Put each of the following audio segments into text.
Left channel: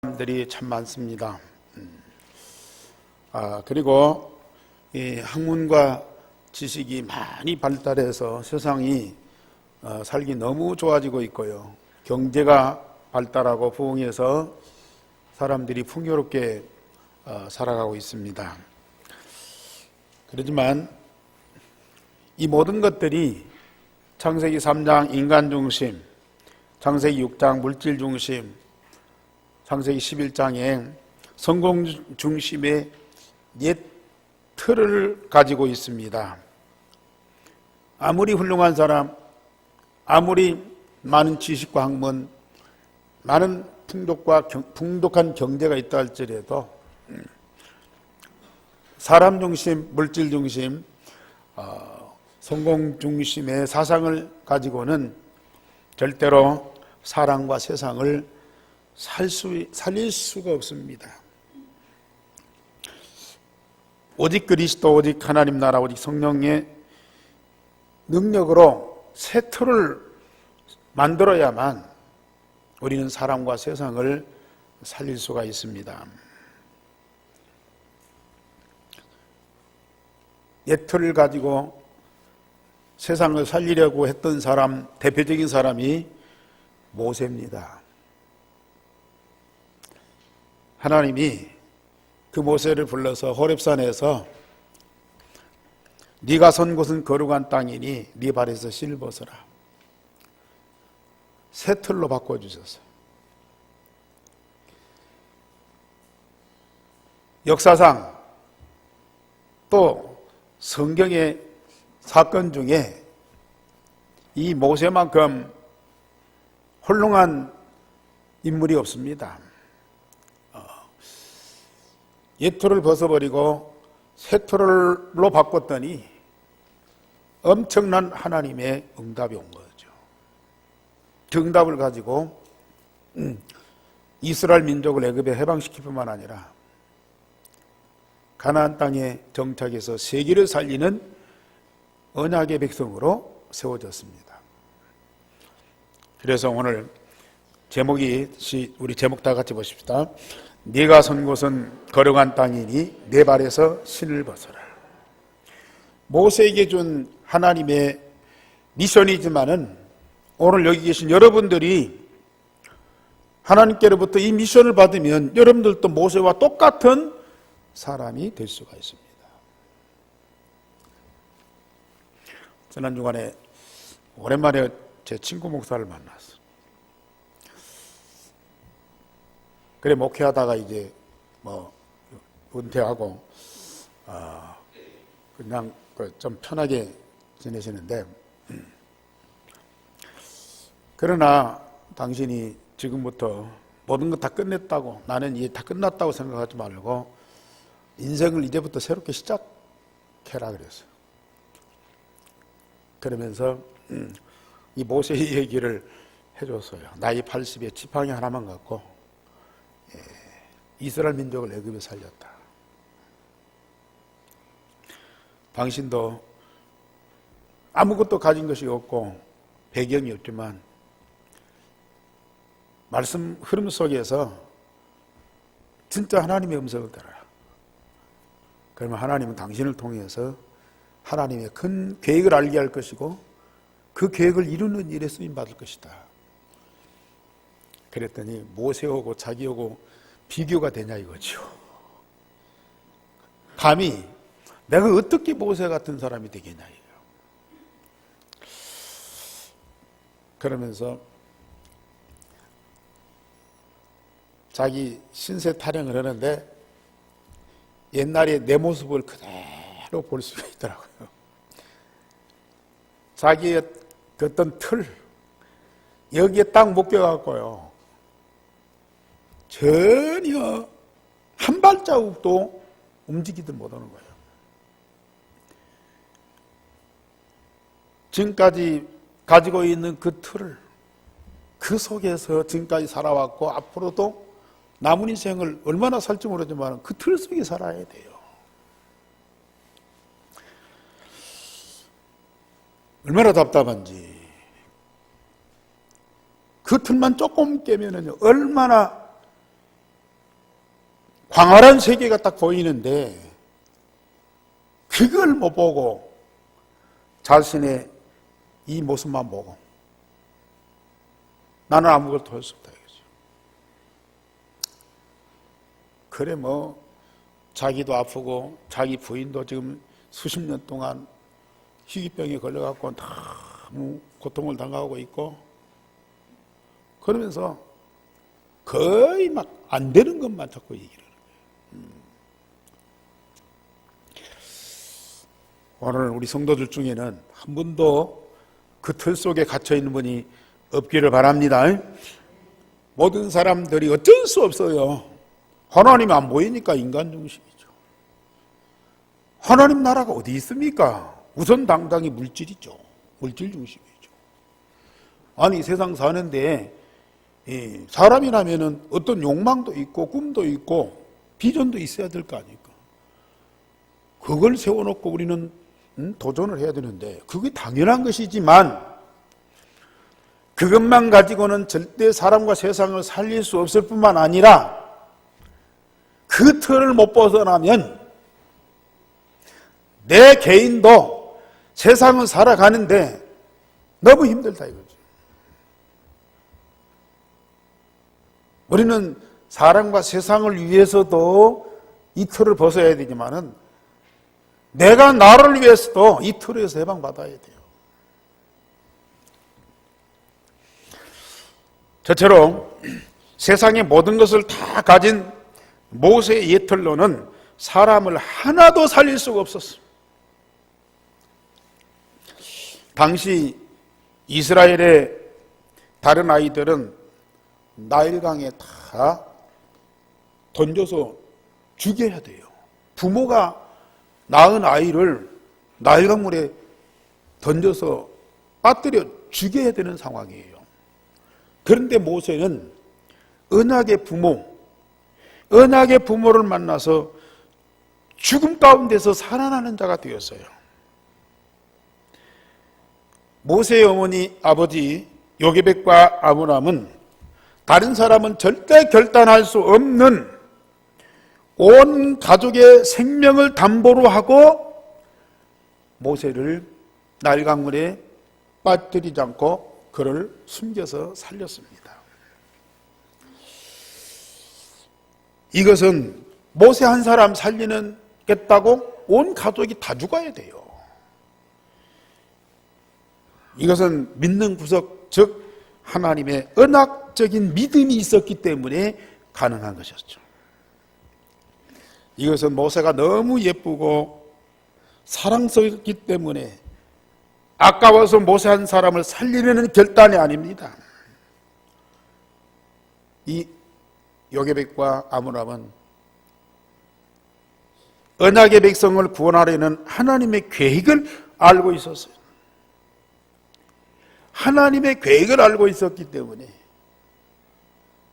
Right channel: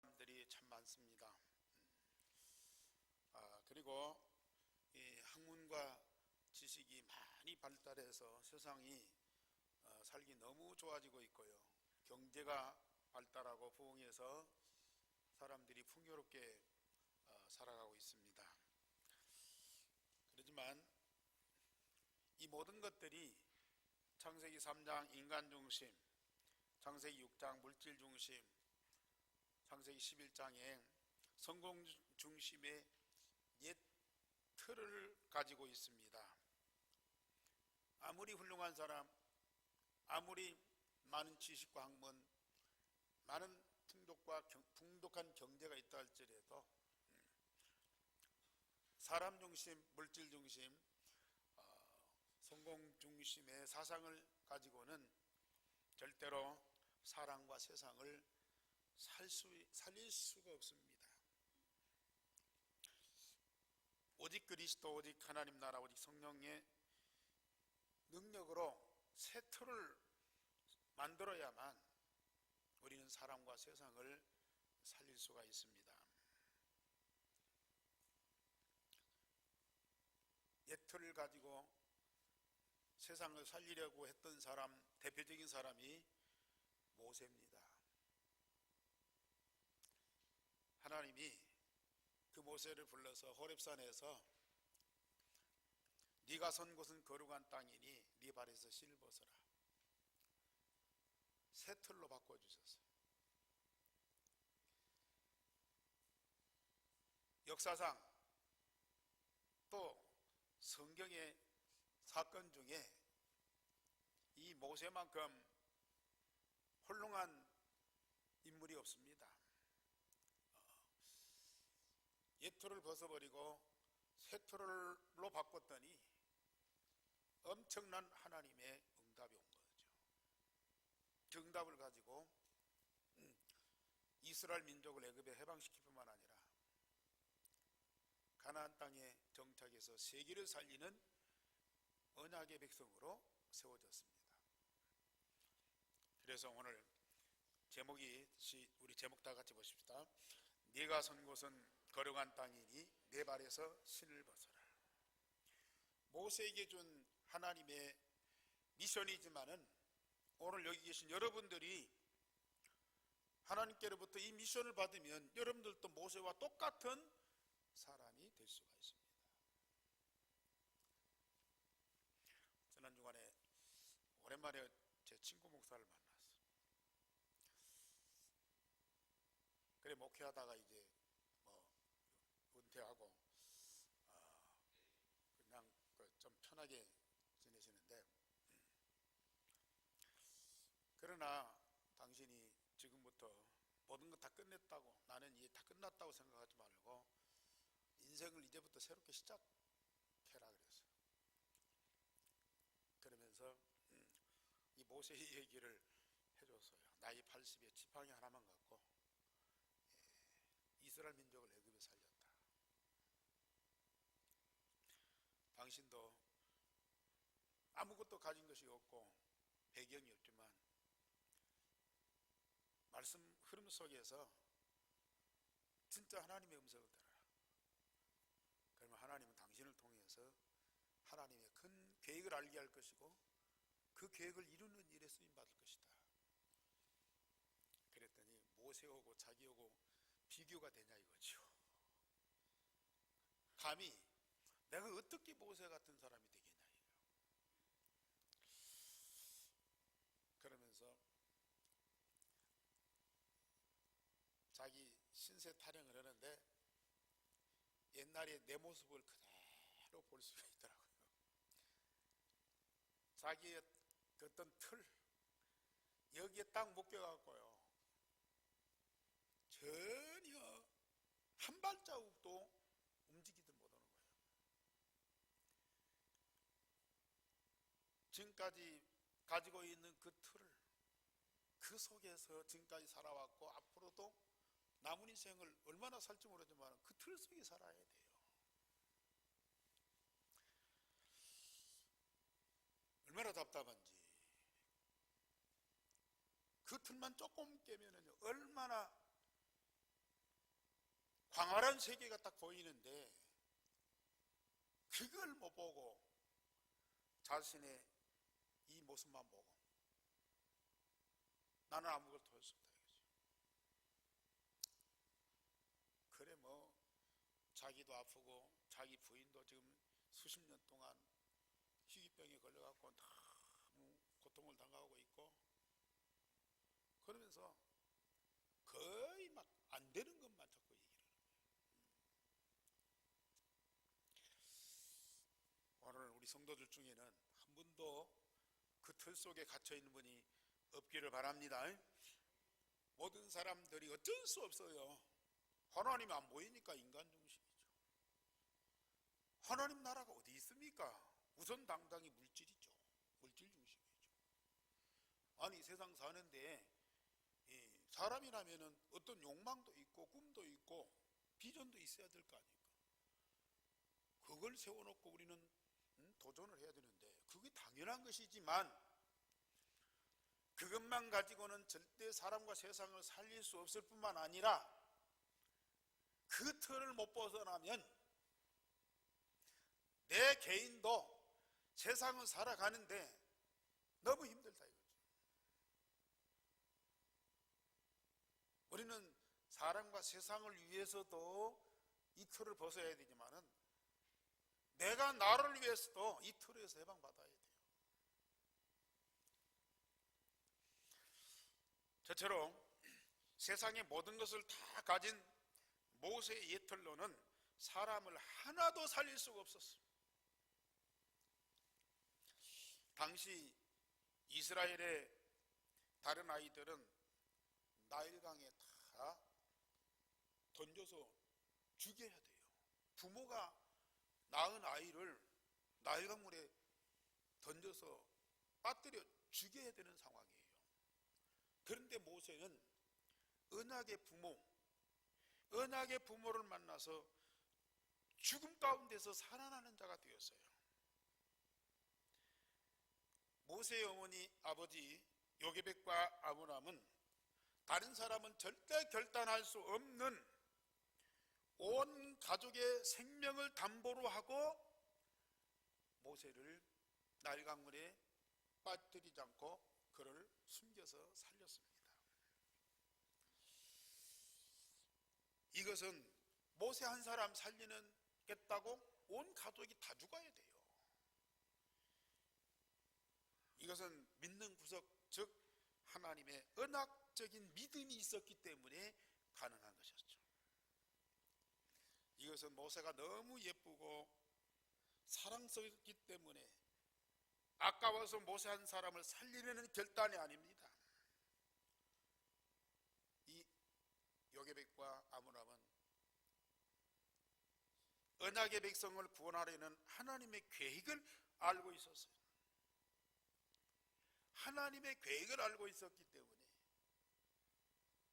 사람들이 참 많습니다. 그리고 이 학문과 지식이 많이 발달해서 세상이 살기 너무 좋아지고 있고요. 경제가 발달하고 부흥해서 사람들이 풍요롭게 살아가고 있습니다. 그렇지만 이 모든 것들이 창세기 3장 인간 중심, 창세기 6장 물질 중심, 창세기 11장에 성공 중심의 옛 틀을 가지고 있습니다. 아무리 훌륭한 사람, 아무리 많은 지식과 학문, 많은 풍족한 경제가 있다 할지라도 사람 중심, 물질 중심, 성공 중심의 사상을 가지고는 절대로 사람과 세상을 살릴 수가 없습니다. 오직 그리스도, 오직 하나님 나라, 오직 성령의 능력으로 새 틀을 만들어야만 우리는 사람과 세상을 살릴 수가 있습니다. 옛 틀을 가지고 세상을 살리려고 했던 사람, 대표적인 사람이 모세입니다. 하나님이 그 모세를 불러서 호렙산에서 네가 선 곳은 거룩한 땅이니 네 발에서 신을 벗어라. 새 틀로 바꿔주셨어요. 역사상 또 성경의 사건 중에 이 모세만큼 훌륭한 인물이 없습니다. 옛 틀을 벗어버리고 새 틀로 바꿨더니 엄청난 하나님의 응답이 온 거죠. 그 응답을 가지고 이스라엘 민족을 애굽에 해방시킬 뿐만 아니라 가나안 땅에 정착해서 세계를 살리는 언약의 백성으로 세워졌습니다. 그래서 오늘 제목이, 우리 제목 다 같이 보십시다. 네가 선 곳은 거룩한 땅이니 네 발에서 신을 벗어라. 모세에게 준 하나님의 미션이지만은 오늘 여기 계신 여러분들이 하나님께로부터 이 미션을 받으면 여러분들도 모세와 똑같은 사람이 될 수가 있습니다. 지난 주간에 오랜만에 제 친구 목사를 만났어요. 그래 목회하다가 이제 은퇴하고 그냥 좀 편하게 지내시는데, 그러나 당신이 지금부터 모든 것 다 끝냈다고, 나는 이제 다 끝났다고 생각하지 말고 인생을 이제부터 새롭게 시작해라 그랬어요. 그러면서 이 모세의 얘기를 해줬어요. 나이 80에 지팡이 하나만 갖고 이스라엘 민족을 애굽에 살렸다. 당신도 아무것도 가진 것이 없고 배경이 없지만 말씀 흐름 속에서 진짜 하나님의 음성을 들어라. 그러면 하나님은 당신을 통해서 하나님의 큰 계획을 알게 할 것이고 그 계획을 이루는 일에 쓰임받을 것이다. 그랬더니 모세하고 자기하고 비교가 되냐 이거죠. 감히 내가 어떻게 모세 같은 사람이 되겠냐 이거예요. 그러면서 자기 신세 타령을 하는데 옛날에 내 모습을 그대로 볼 수가 있더라고요. 자기의 어떤 틀, 여기에 딱 묶여갖고요. 전혀 한 발자국도 움직이지 못하는 거예요. 지금까지 가지고 있는 그 틀을, 그 속에서 지금까지 살아왔고 앞으로도 남은 인생을 얼마나 살지 모르지만 그 틀 속에 살아야 돼요. 얼마나 답답한지. 그 틀만 조금 깨면은 얼마나 광활한 세계가 딱 보이는데 그걸 못 보고 자신의 이 모습만 보고 나는 아무것도 할 수 없다 이거죠. 그래 뭐 자기도 아프고 자기 부인도 지금 수십 년 동안 희귀병에 걸려갖고 너무 고통을 당하고 있고 그러면서 거의 막 안 되는 것만 자꾸 얘기를 하는 거예요. 오늘 우리 성도들 중에는 한 분도 그 틀 속에 갇혀 있는 분이 없기를 바랍니다. 모든 사람들이 어쩔 수 없어요. 하나님이 안 보이니까 인간 중심이죠. 하나님 나라가 어디 있습니까? 우선 당장이 물질이죠. 물질 중심이죠. 아니 세상 사는데 사람이라면은 어떤 욕망도 있고 꿈도 있고 비전도 있어야 될 거 아닙니까? 그걸 세워놓고 우리는 도전을 해야 되는데 그게 당연한 것이지만 그것만 가지고는 절대 사람과 세상을 살릴 수 없을 뿐만 아니라 그 틀을 못 벗어나면 내 개인도 세상을 살아가는데 너무 힘들다 이거죠. 우리는 사람과 세상을 위해서도 이 틀을 벗어야 되지만은 내가 나를 위해서도 이 틀에서 해방받아야 돼요. 저처럼 세상의 모든 것을 다 가진 모세의 옛틀로는 사람을 하나도 살릴 수가 없었어요. 당시 이스라엘의 다른 아이들은 나일강에 다 던져서 죽여야 돼요. 부모가 낳은 아이를 나일강물에 던져서 빠뜨려 죽여야 되는 상황이에요. 그런데 모세는 언약의 부모를 만나서 죽음 가운데서 살아나는 자가 되었어요. 모세의 어머니 아버지 요게벳과 아므람은 다른 사람은 절대 결단할 수 없는 온 가족의 생명을 담보로 하고 모세를 나일강물에 빠뜨리지 않고 그를 숨겨서 살렸습니다. 이것은 모세 한 사람 살리겠다고 온 가족이 다 죽어야 돼요. 이것은 믿는 구석, 즉 하나님의 언약적인 믿음이 있었기 때문에 가능한 것이었죠. 이것은 모세가 너무 예쁘고 사랑스럽기 때문에 아까워서 모세 한 사람을 살리려는 결단이 아닙니다. 이 요게벳과 아므람은 언약의 백성을 구원하려는 하나님의 계획을 알고 있었어요. 하나님의 계획을 알고 있었기 때문에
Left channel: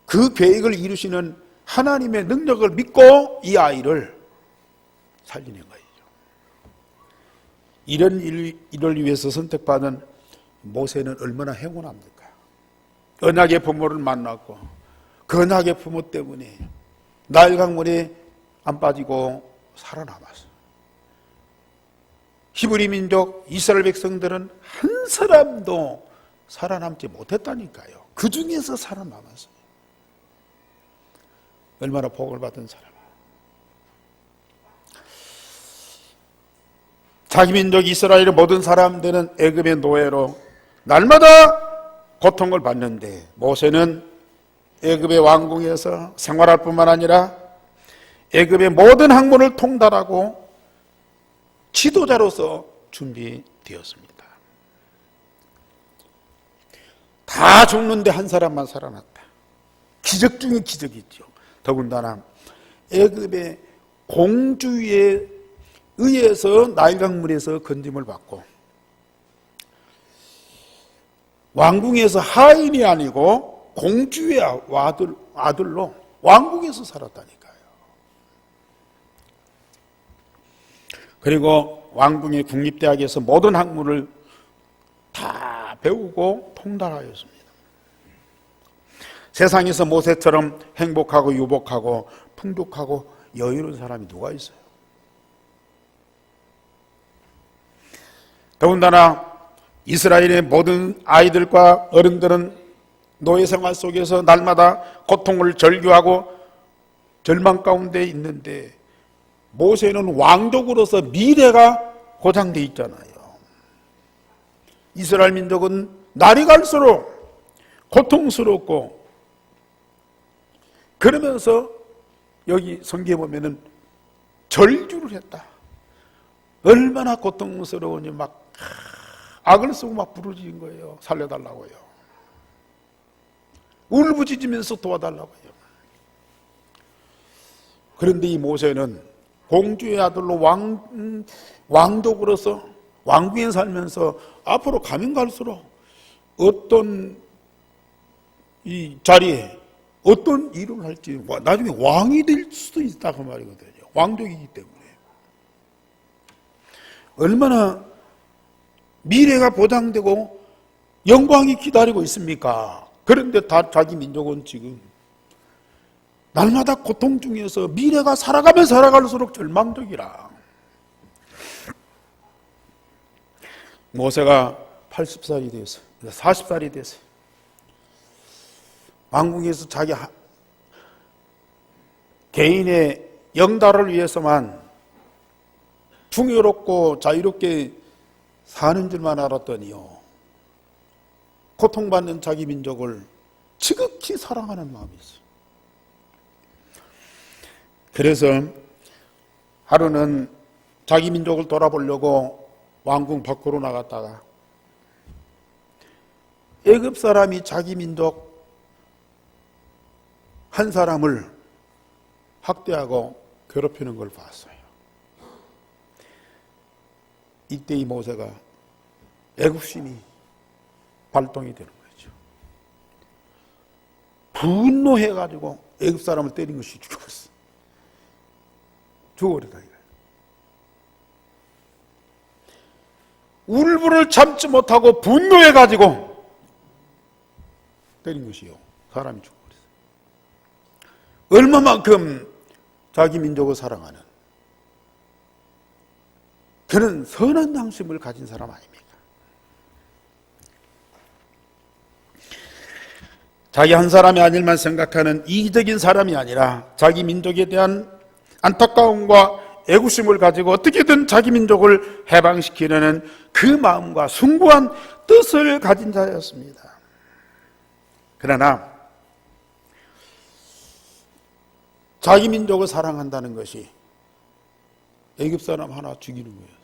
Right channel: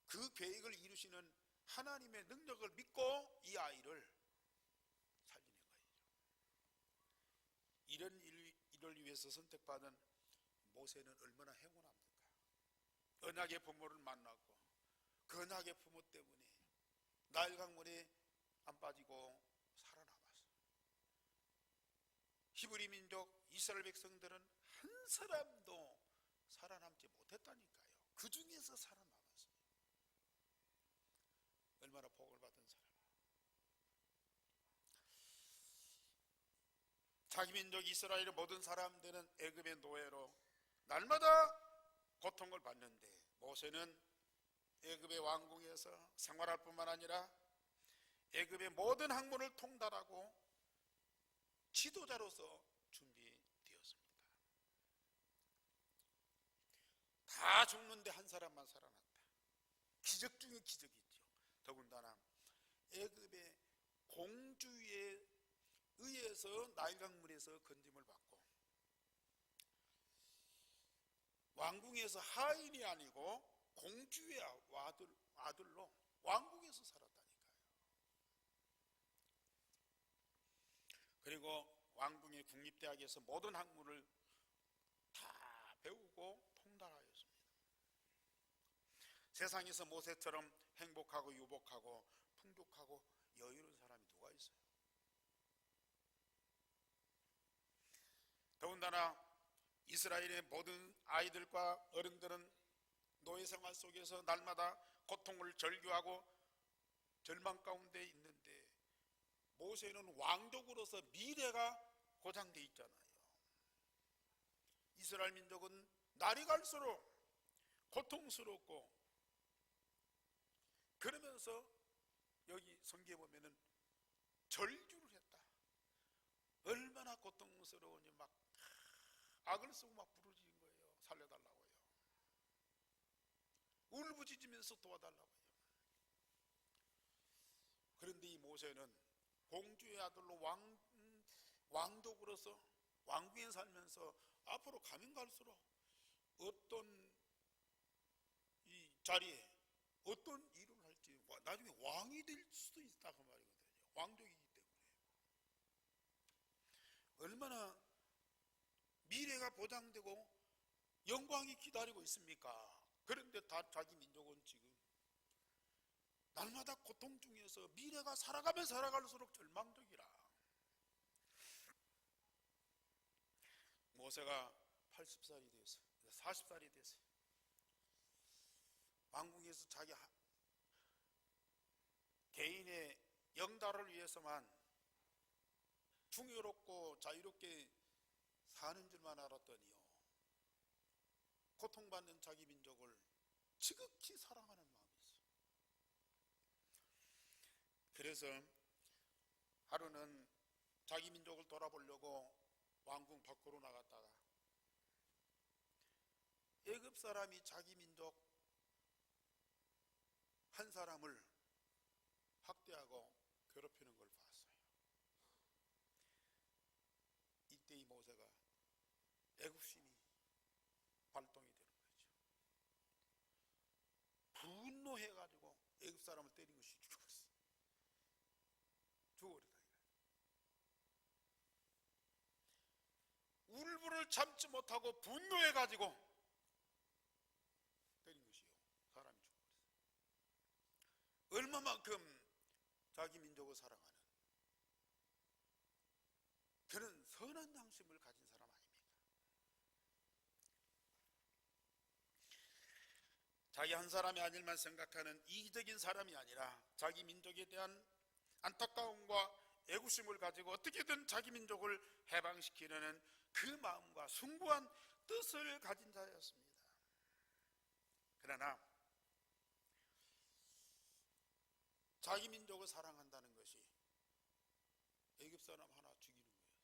그 계획을 이루시는 하나님의 능력을 믿고 이 아이를 살리는 거예요. 이런 일을 위해서 선택받은 모세는 얼마나 행운합니까? 언약의 부모를 만났고 그 언약의 부모 때문에 나일강물에 안 빠지고 살아남았어요. 히브리 민족 이스라엘 백성들은 한 사람도 살아남지 못했다니까요. 그 중에서 살아남았어요. 얼마나 복을 받은 사람. 자기 민족 이스라엘의 모든 사람들은 애굽의 노예로 날마다 고통을 받는데 모세는 애굽의 왕궁에서 생활할 뿐만 아니라 애굽의 모든 학문을 통달하고 지도자로서 준비되었습니다. 다 죽는데 한 사람만 살아났다. 기적 중에 기적이죠. 더군다나 애굽의 공주에 의해서 나일강물에서 건짐을 받고 왕궁에서 하인이 아니고 공주의 아들로 왕궁에서 살았다니까요. 그리고 왕궁의 국립대학에서 모든 학문을 다 배우고 통달하였습니다. 세상에서 모세처럼 행복하고 유복하고 풍족하고 여유로운 사람이 누가 있어요? 더군다나 이스라엘의 모든 아이들과 어른들은 노예 생활 속에서 날마다 고통을 절규하고 절망 가운데 있는데 모세는 왕족으로서 미래가 보장되어 있잖아요. 이스라엘 민족은 날이 갈수록 고통스럽고, 그러면서 여기 성경에 보면은 절규를 했다. 얼마나 고통스러우니 막 악을 쓰고 막 부르짖은 거예요. 살려달라고요. 울부짖으면서 도와달라고요. 그런데 이 모세는 공주의 아들로 왕족으로서 왕궁에 살면서 앞으로 가면 갈수록 어떤 이 자리에 어떤 일을 할지, 나중에 왕이 될 수도 있다 그 말이거든요. 왕족이기 때문에. 얼마나 미래가 보장되고 영광이 기다리고 있습니까? 그런데 다 자기 민족은 지금 날마다 고통 중에서 미래가 살아가면 살아갈수록 절망적이라. 모세가 80살이 됐어요. 40살이 됐어요. 왕궁에서 자기 개인의 영달을 위해서만 풍요롭고 자유롭게 사는 줄만 알았더니요, 고통받는 자기 민족을 지극히 사랑하는 마음이 있어요. 그래서 하루는 자기 민족을 돌아보려고 왕궁 밖으로 나갔다가 애굽 사람이 자기 민족 한 사람을 학대하고 괴롭히는 걸 봤어요. 이때 이 모세가 애굽심이 발동이 되는 거죠. 분노해가지고 애굽 사람을 때린 것이 죽었어. 죽어버리다 이거예요. 울분을 참지 못하고 분노해가지고 때린 것이요. 사람이 죽어버렸어요. 얼마만큼 자기 민족을 사랑하는, 그는 선한 양심을 가진 사람 아닙니까? 자기 한 사람이 아닐만 생각하는 이기적인 사람이 아니라 자기 민족에 대한 안타까움과 애구심을 가지고 어떻게든 자기 민족을 해방시키려는 그 마음과 숭고한 뜻을 가진 자였습니다. 그러나 자기 민족을 사랑한다는 것이 애굽 사람 하나 죽이는 거예요.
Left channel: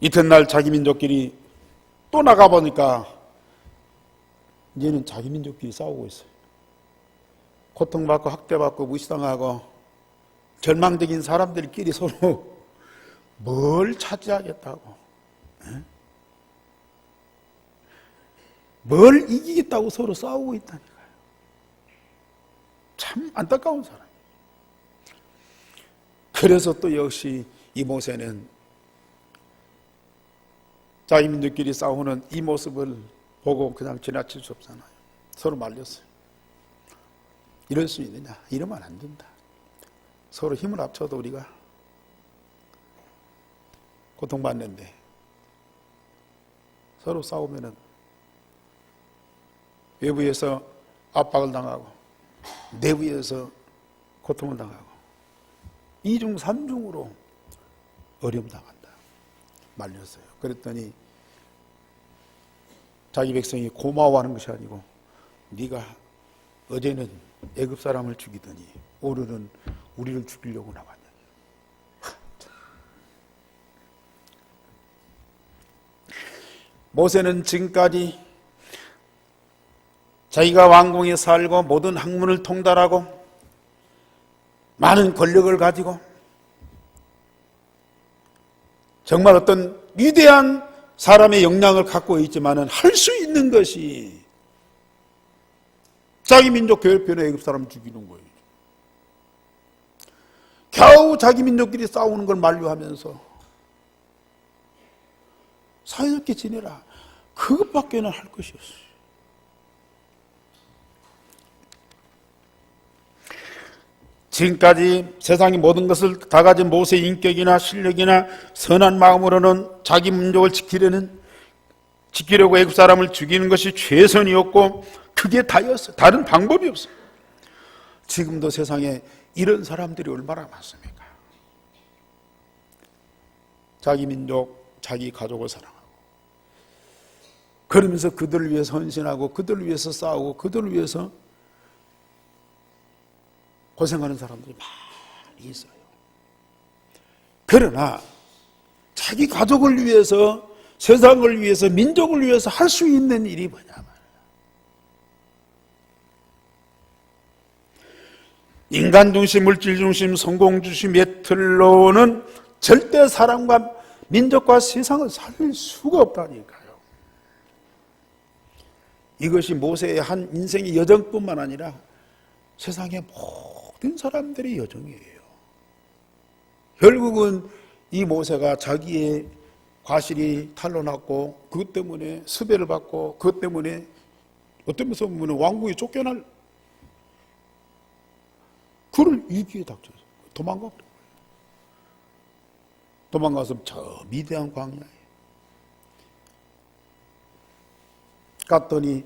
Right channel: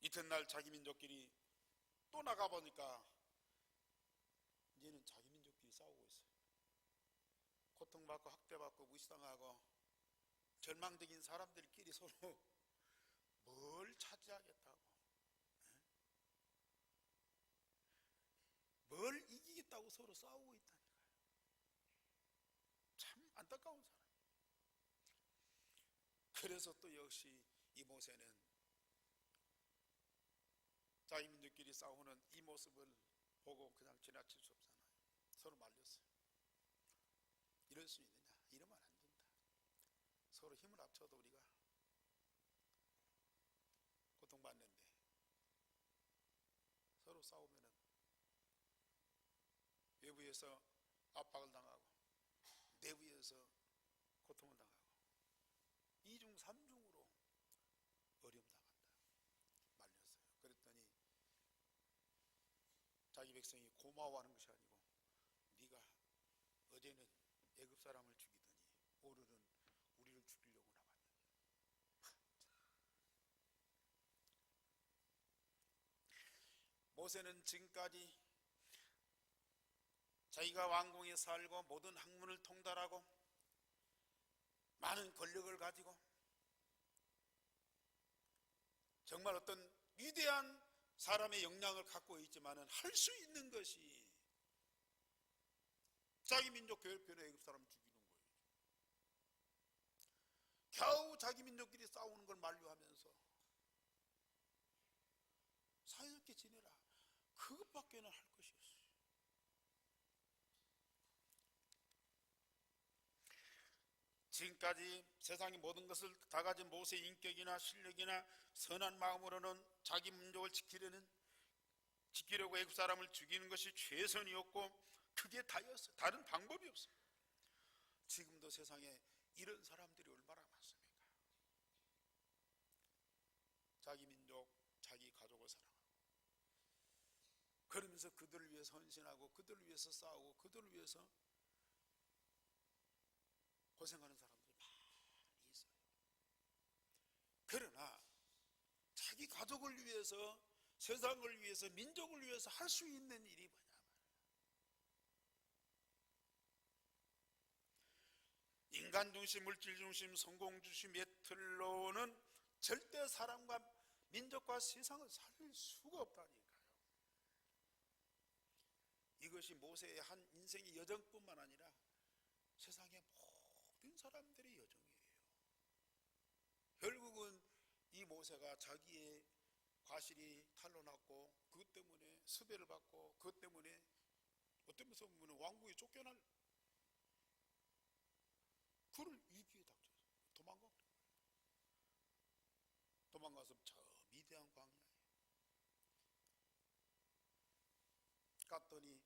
이튿날 자기 민족끼리 또 나가보니까 이제는 자기 민족끼리 싸우고 있어요. 고통받고 학대받고 무시당하고 절망적인 사람들끼리 서로 뭘 차지하겠다고, 뭘 이기겠다고 서로 싸우고 있다니까요. 참 안타까운 사람. 그래서 또 역시 이 모세는 자기 민족끼리 싸우는 이 모습을 보고 그냥 지나칠 수 없잖아요. 서로 말렸어요. 이럴 수 있느냐? 이러면 안 된다. 서로 힘을 합쳐도 우리가 고통받는데 서로 싸우면은 외부에서 압박을 당하고 내부에서 고통을 당하고 이중 삼중으로 어려움 당한다. 말렸어요. 그랬더니 자기 백성이 고마워하는 것이 아니고 네가 어제는 애굽 사람을 죽이더니 오늘은 우리를 죽이려고 나왔냐. 모세는 지금까지 자기가 왕궁에 살고 모든 학문을 통달하고 많은 권력을 가지고 정말 어떤 위대한 사람의 역량을 갖고 있지만은 할 수 있는 것이 자기 민족 괴롭히는 애굽 사람을 죽이는 거예요. 겨우 자기 민족끼리 싸우는 걸 만류하면서 사이좋게 지내라. 그것밖에는 할 것이 없어요. 지금까지 세상의 모든 것을 다 가진 모세의 인격이나 실력이나 선한 마음으로는 자기 민족을 지키려고 애굽 사람을 죽이는 것이 최선이었고 그게 다였어요. 다른 방법이 없어요. 지금도 세상에 이런 사람들이 얼마나 많습니까? 자기 민족, 자기 가족을 사랑하고 그러면서 그들을 위해서 헌신하고 그들을 위해서 싸우고 그들을 위해서 고생하는 사람들이 많이 있어요. 그러나 자기 가족을 위해서, 세상을 위해서, 민족을 위해서 할 수 있는 일이 뭐냐면 인간 중심, 물질 중심, 성공 중심의 틀로는 절대 사람과 민족과 세상을 살릴 수가 없다니까요. 이것이 모세의 한 인생의 여정뿐만 아니라 세상의 모든 사람들의 여정이에요. 결국은 이 모세가 자기의 과실이 탄로났고 그것 때문에 수배를 받고 그것 때문에 어떤 면에서 보면 왕궁에 쫓겨날 그를 위기에 닥쳐서 도망가 버린 거예요. 도망가서 저 미대한 광야에 갔더니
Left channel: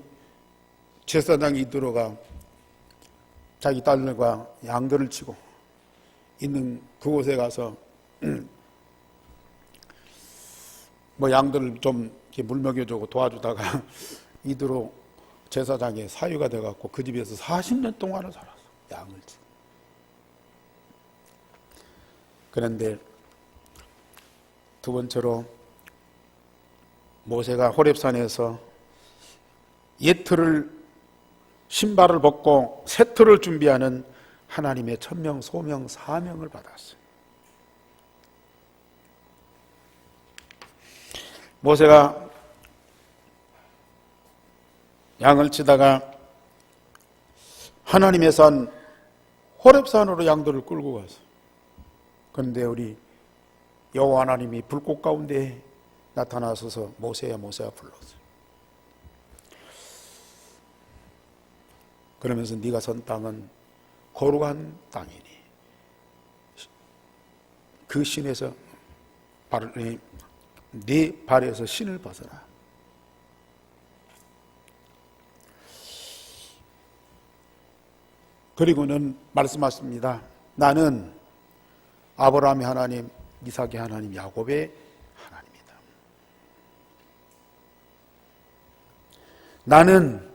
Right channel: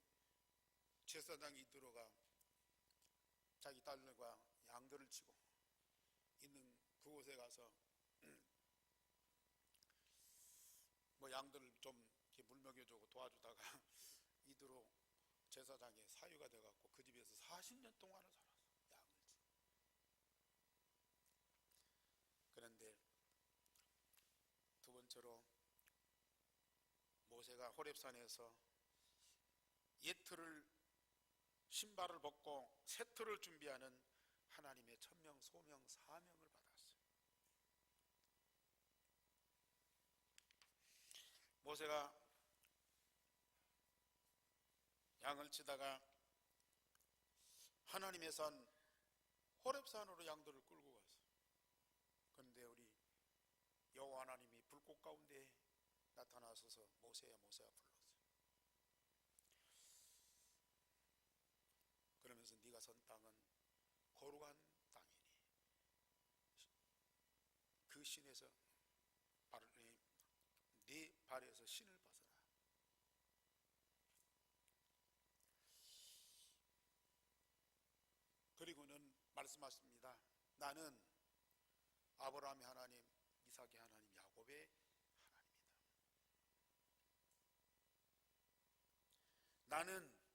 제사장 이드로가 자기 딸들과 양들을 치고 있는 그곳에 가서 뭐 양들을 좀 이렇게 물 먹여주고 도와주다가 이드로 제사장의 사유가 돼갖고 그 집에서 40년 동안을 살았어. 양을 치고. 그런데 두 번째로 모세가 호렙산에서 예틀을 신발을 벗고 세틀을 준비하는 하나님의 천명, 소명, 사명을 받았어요. 모세가 양을 치다가 하나님의 산 호렙산으로 양들을 끌고 갔어요. 그런데 우리 여호와 하나님이 불꽃 가운데 나타나셔서 모세야 모세야 불렀어요. 그러면서 네가 선 땅은 거룩한 땅이니 그 신에서 네 발에서 신을 벗어라. 그리고는 말씀하십니다. 나는 아브라함의 하나님, 이삭의 하나님, 야곱의 하나님이다. 나는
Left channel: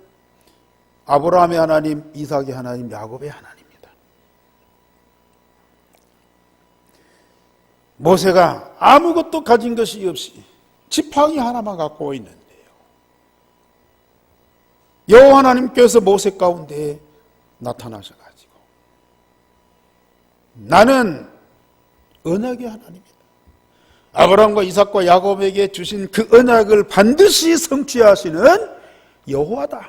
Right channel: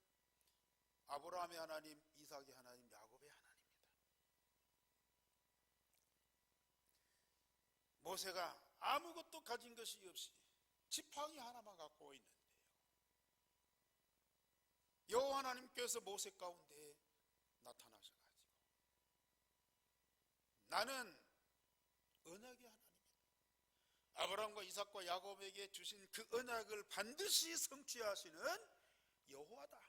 아브라함의 하나님, 이삭의 하나님, 야곱의 하나님이다. 모세가 아무것도 가진 것이 없이 지팡이 하나만 갖고 있는데요. 여호와 하나님께서 모세 가운데 나타나셔가지고 나는 언약의 하나님이다. 아브라함과 이삭과 야곱에게 주신 그 언약을 반드시 성취하시는 여호와다.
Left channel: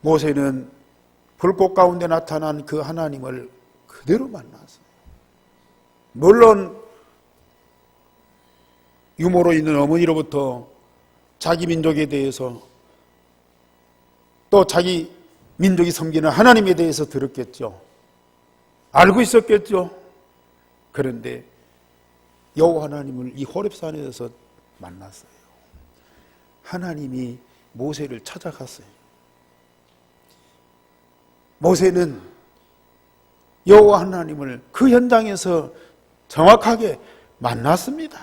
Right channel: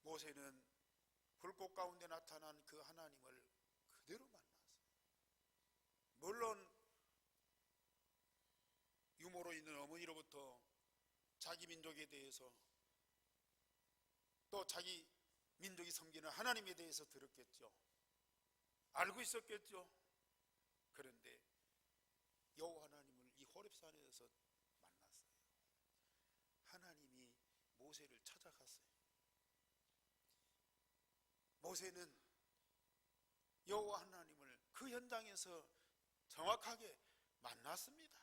모세는 불꽃 가운데 나타난 그 하나님을 그대로 만났어요. 물론 유모로 있는 어머니로부터 자기 민족에 대해서 또 자기 민족이 섬기는 하나님에 대해서 들었겠죠. 알고 있었겠죠. 그런데 여호와 하나님을 이 호렙산에서 만났어요. 하나님이 모세를 찾아갔어요. 모세는 여호와 하나님을 그 현장에서 정확하게 만났습니다.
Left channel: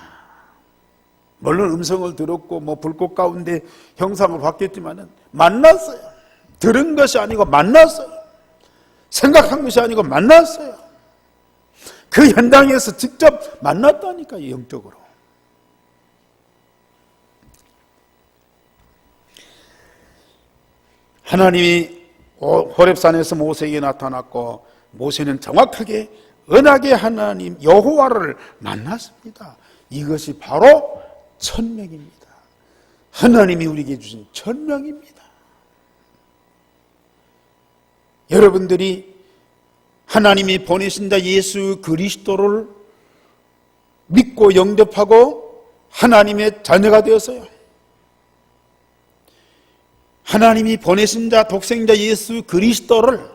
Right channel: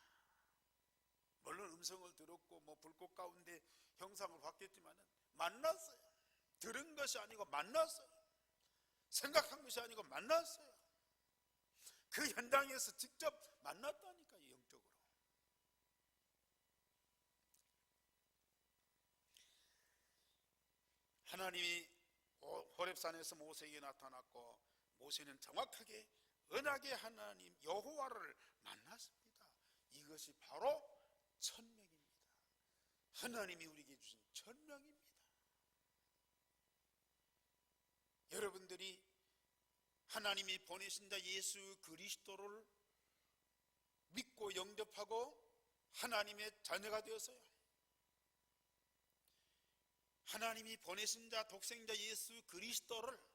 물론 음성을 들었고 뭐 불꽃 가운데 형상을 봤겠지만은 만났어요. 들은 것이 아니고 만났어요. 생각한 것이 아니고 만났어요. 그 현장에서 직접 만났다니까요, 영적으로. 하나님이 호렙산에서 모세에게 나타났고 모세는 정확하게 언약의 하나님 여호와를 만났습니다. 이것이 바로 천명입니다. 하나님이 우리에게 주신 천명입니다. 여러분들이 하나님이 보내신 자 예수 그리스도를 믿고 영접하고 하나님의 자녀가 되었어요. 하나님이 보내신 자 독생자 예수 그리스도를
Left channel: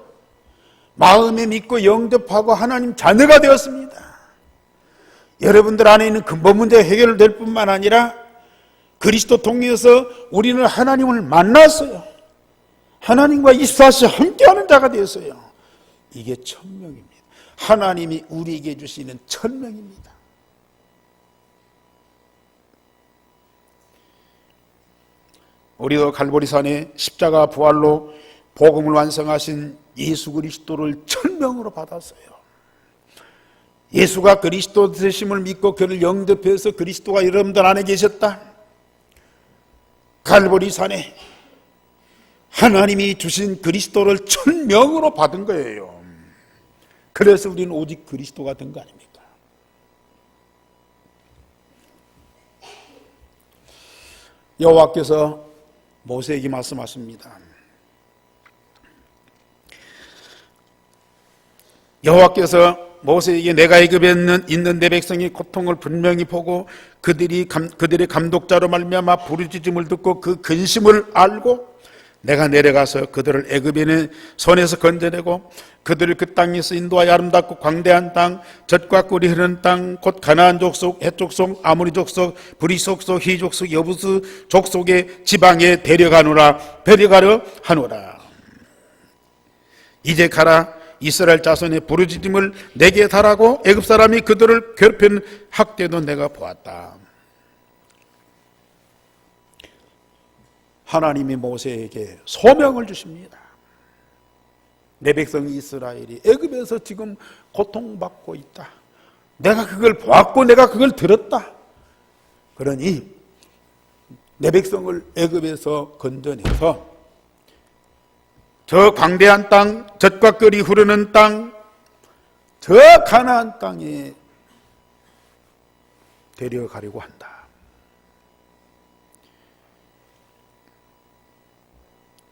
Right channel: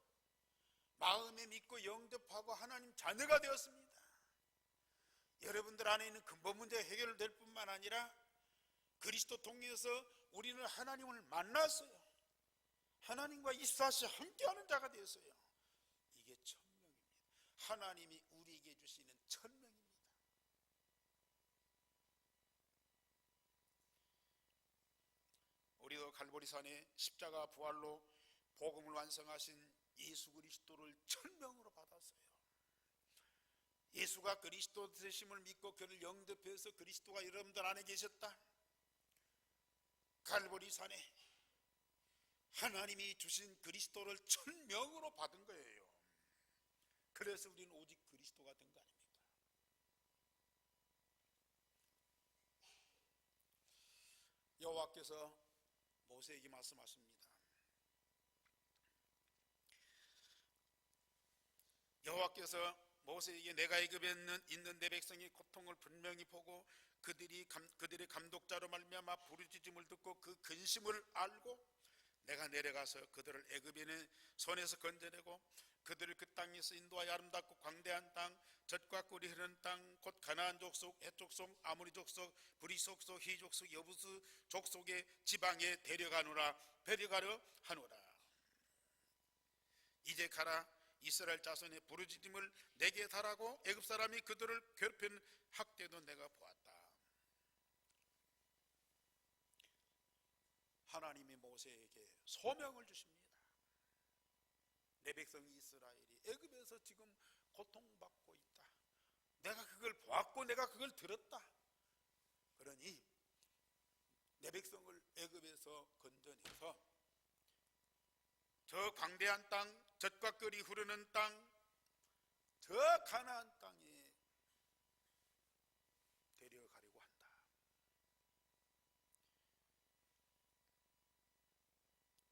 마음에 믿고 영접하고 하나님 자녀가 되었습니다. 여러분들 안에 있는 근본 문제가 해결될 뿐만 아니라 그리스도 통해서 우리는 하나님을 만났어요. 하나님과 24시 함께하는 자가 되었어요. 이게 천명입니다. 하나님이 우리에게 주시는 천명입니다. 우리도 갈보리산에 십자가 부활로 복음을 완성하신 예수 그리스도를 천명으로 받았어요. 예수가 그리스도 되심을 믿고 그를 영접해서 그리스도가 여러분들 안에 계셨다. 갈보리산에 하나님이 주신 그리스도를 천명으로 받은 거예요. 그래서 우리는 오직 그리스도가 된 거 아닙니까? 여호와께서 모세에게 말씀하십니다. 여호와께서 모세에게 내가 애굽에 있는 내 백성의 고통을 분명히 보고 그들의 감독자로 말미암아 부르짖음을 듣고 그 근심을 알고 내가 내려가서 그들을 애굽에 있는 손에서 건져내고 그들을 그 땅에서 인도하여 아름답고 광대한 땅, 젖과 꿀이 흐르는 땅, 곧 가나안 족속, 헷 족속, 아모리 족속, 브리 족속, 히 족속, 여부스 족속의 지방에 데려가려 하노라. 이제 가라. 이스라엘 자손의 부르짖음을 내게 달하고 애굽 사람이 그들을 괴롭히는 학대도 내가 보았다. 하나님이 모세에게 소명을 주십니다. 내 백성 이스라엘이 애굽에서 지금 고통받고 있다. 내가 그걸 보았고 내가 그걸 들었다. 그러니 내 백성을 애굽에서 건져내서 저 광대한 땅, 젖과 꿀이 흐르는 땅, 저 가나안 땅에 데려가려고 한다.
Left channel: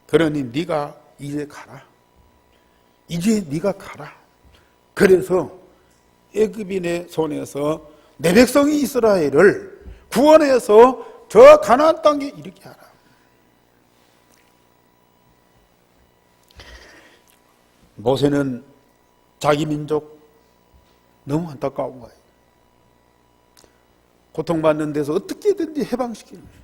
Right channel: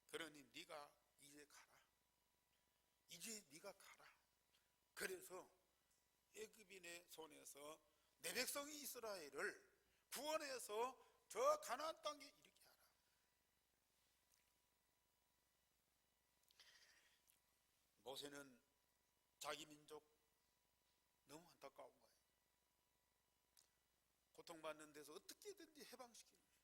그러니 네가 이제 가라. 이제 네가 가라. 그래서 애굽인의 손에서 내 백성이 이스라엘을 구원해서 저 가나안 땅에 이르게 하라. 모세는 자기 민족 너무 안타까운 거예요. 고통받는 데서 어떻게든지 해방시키는 거예요.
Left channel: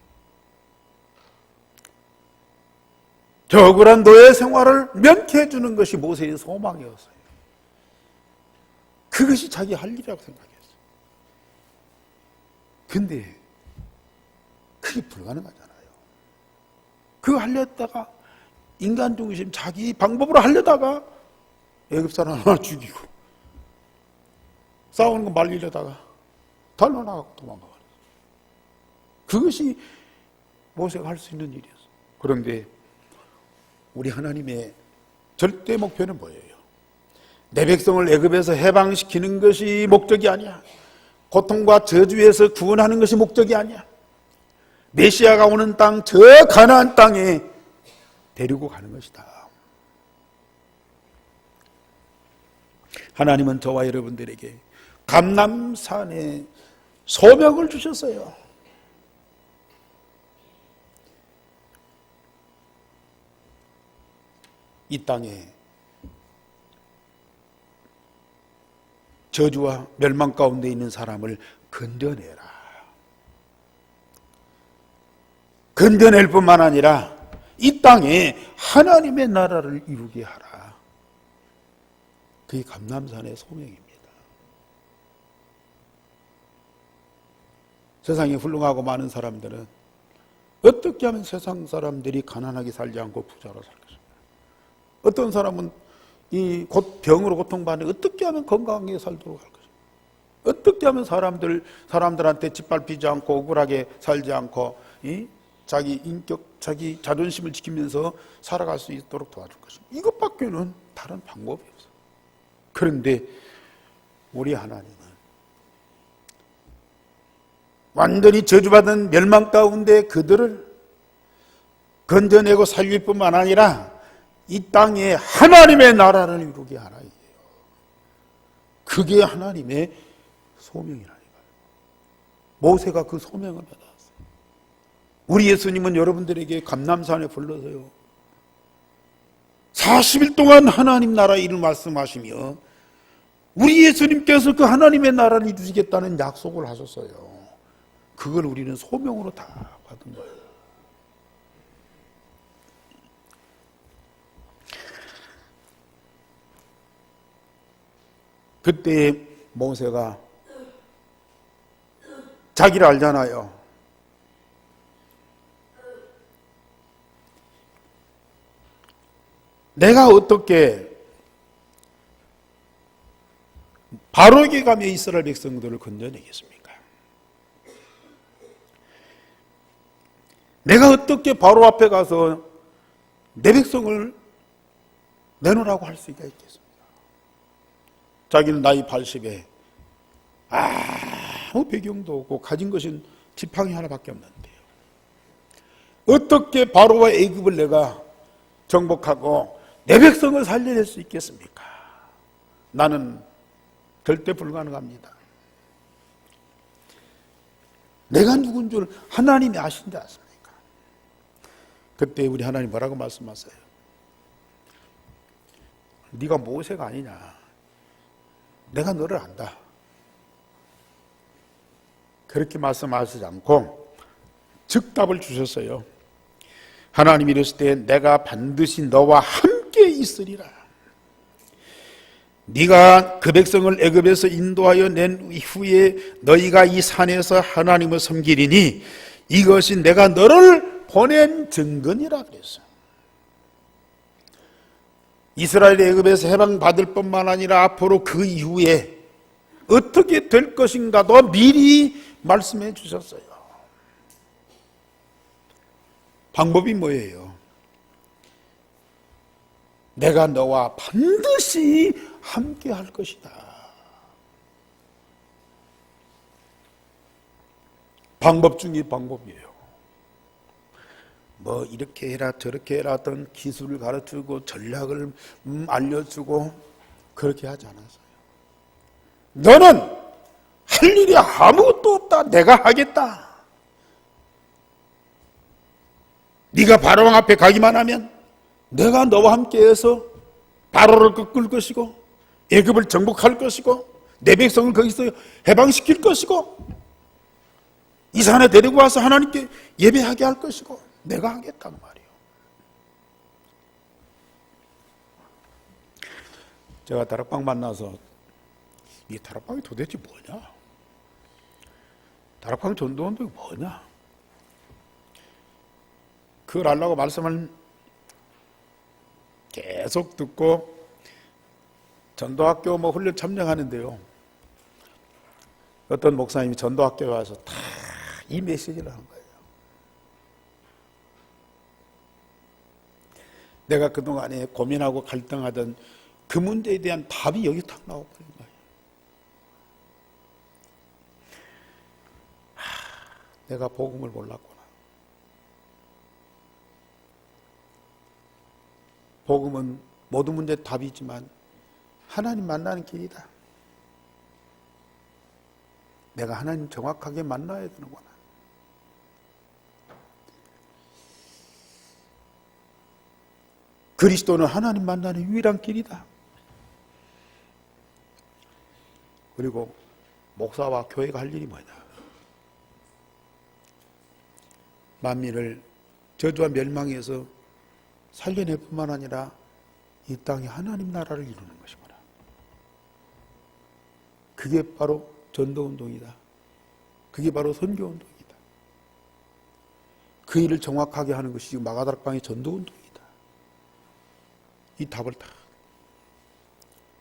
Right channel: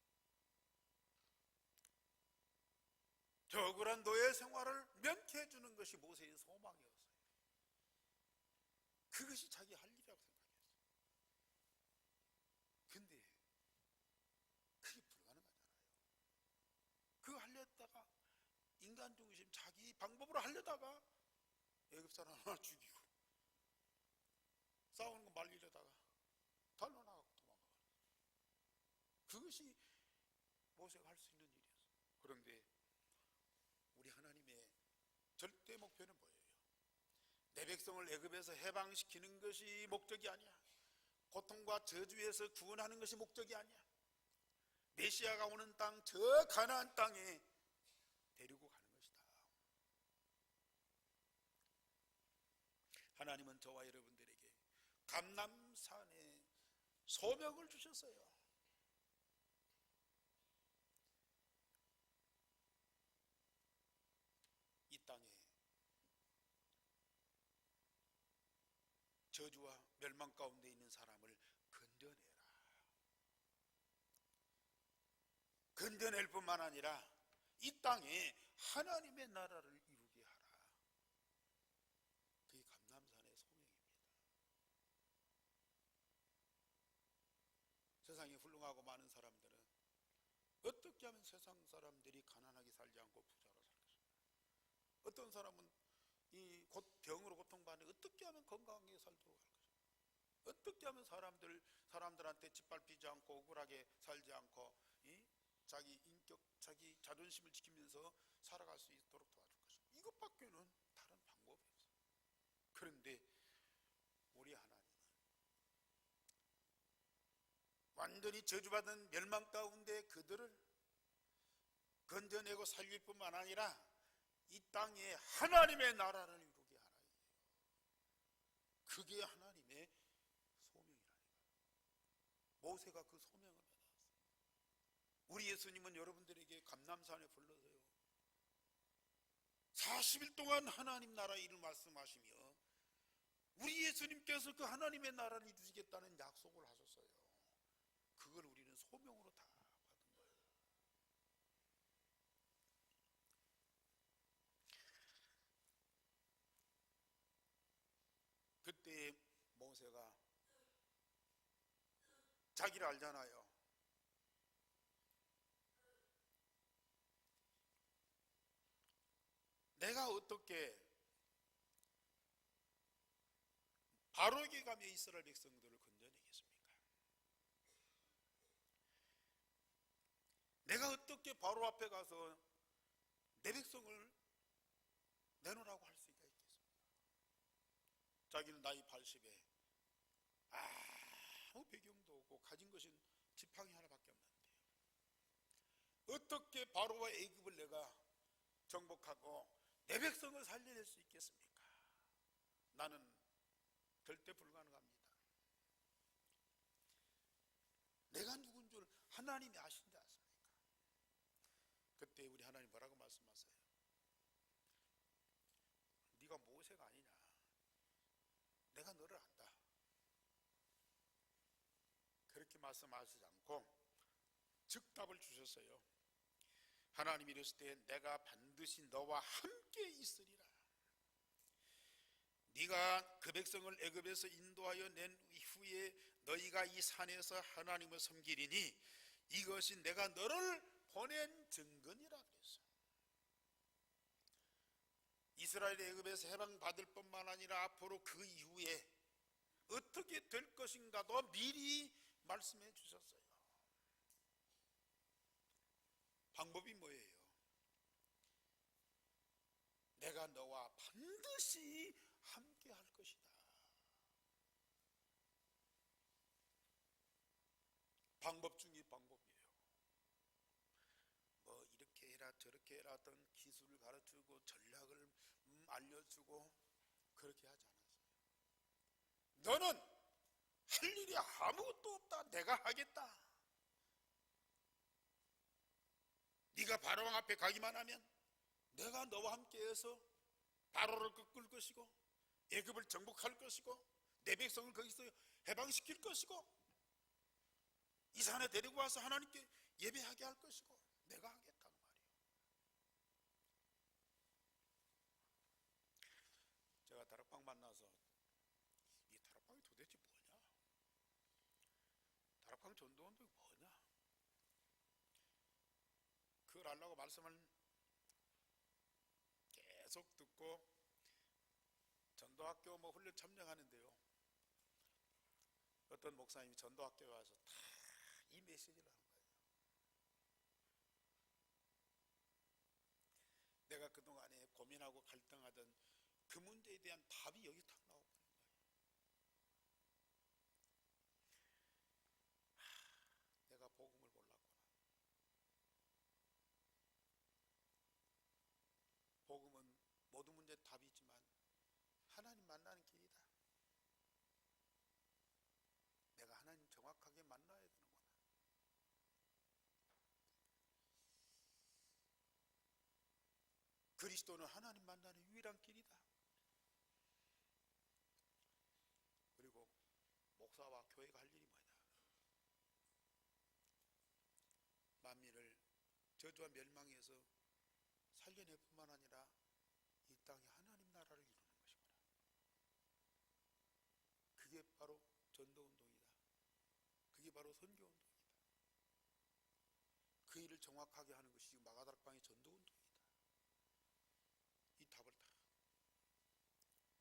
저 억울한 노예 생활을 면케해 주는 것이 모세의 소망이었어요. 그것이 자기 할 일이라고 생각했어요. 근데 그게 불가능하잖아요. 그거 하려다가 인간 중심 자기 방법으로 하려다가 애굽 사람 하나 죽이고 싸우는 거 말리려다가 달려나가고 도망가버렸어요. 그것이 모세가 할 수 있는 일이었어요. 그런데 우리 하나님의 절대 목표는 뭐예요? 내 백성을 애굽에서 해방시키는 것이 목적이 아니야. 고통과 저주에서 구원하는 것이 목적이 아니야. 메시아가 오는 땅, 저 가나안 땅에 데리고 가는 것이다. 하나님은 저와 여러분들에게 감람산에 소명을 주셨어요. 이 땅에 저주와 멸망 가운데 있는 사람을 건져내라. 건져낼 뿐만 아니라 이 땅에 하나님의 나라를 이루게 하라. 그게 감람산의 소명입니다. 세상에 훌륭하고 많은 사람들은 어떻게 하면 세상 사람들이 가난하게 살지 않고 부자로 살 것인가? 어떤 사람은 이 곧 병으로 고통받는 어떻게 하면 건강하게 살도록 할 것인가? 어떻게 하면 사람들한테 짓밟히지 않고 억울하게 살지 않고 자기 인격, 자기 자존심을 지키면서 살아갈 수 있도록 도와줄 것인가? 이것밖에는 다른 방법이 없어요. 그런데 우리 하나님은 완전히 저주받은 멸망 가운데 그들을 건져내고 살릴 뿐만 아니라 이 땅에 하나님의 나라를 이루게 하라. 그게 하나님의 소명이라니까요. 모세가 그 소명을 받았어요. 우리 예수님은 여러분들에게 감람산에 불러서요, 40일 동안 하나님 나라 일을 말씀하시며 우리 예수님께서 그 하나님의 나라를 이루시겠다는 약속을 하셨어요. 그걸 우리는 소명으로 다 받은 거예요. 그때 모세가 자기를 알잖아요. 내가 어떻게 바로에게 가며 이스라엘 백성들을 건져내겠습니까? 내가 어떻게 바로 앞에 가서 내 백성을 내놓으라고 할 수가 있겠습니까? 자기는 나이 80에 아무 배경도 없고 가진 것은 지팡이 하나밖에 없는데요. 어떻게 바로와 애굽을 내가 정복하고 내 백성을 살려낼 수 있겠습니까? 나는 절대 불가능합니다. 내가 누군 줄 하나님이 아신지 않습니까? 그때 우리 하나님 뭐라고 말씀하세요? 네가 모세가 아니냐? 내가 너를 안다. 그렇게 말씀하시지 않고 즉답을 주셨어요. 하나님이 이르실 때 내가 반드시 너와 함께 있으리라. 네가 그 백성을 애굽에서 인도하여 낸 이후에 너희가 이 산에서 하나님을 섬기리니 이것이 내가 너를 보낸 증거니라 그랬어요. 이스라엘이 애굽에서 해방받을 뿐만 아니라 앞으로 그 이후에 어떻게 될 것인가도 미리 말씀해 주셨어요. 방법이 뭐예요? 내가 너와 반드시 함께 할 것이다. 방법 중에 방법이에요. 뭐 이렇게 해라 저렇게 해라 어떤 기술을 가르치고 전략을 알려주고 그렇게 하지 않았어요. 너는 할 일이 아무것도 없다. 내가 하겠다. 네가 바로왕 앞에 가기만 하면 내가 너와 함께해서 바로를 꺾을 것이고 애굽을 정복할 것이고 내 백성을 거기서 해방시킬 것이고 이 산에 데리고 와서 하나님께 예배하게 할 것이고 내가 하겠다는 말이에요. 제가 다락방 만나서 이 다락방이 도대체 뭐냐? 다락방 전도운동이 뭐냐? 그걸 알라고 말씀을 계속 듣고 전도학교 훈련 참여하는데요. 어떤 목사님이 전도학교에 와서 다 이 메시지를 하는 거예요. 내가 그동안에 고민하고 갈등하던 그 문제에 대한 답이 여기 탁 나와버린 거예요. 내가 복음을 몰랐구나. 복음은 모든 문제의 답이지만 하나님 만나는 길이다. 내가 하나님 정확하게 만나야 되는구나. 그리스도는 하나님 만나는 유일한 길이다. 그리고 목사와 교회가 할 일이 뭐냐? 만민을 저주와 멸망에서 살려낼 뿐만 아니라 이 땅에 하나님 나라를 이루는 것이구나. 그게 바로 전도운동이다. 그게 바로 선교운동이다. 그 일을 정확하게 하는 것이 마가다락방의 전도운동이다. 이 답을 다.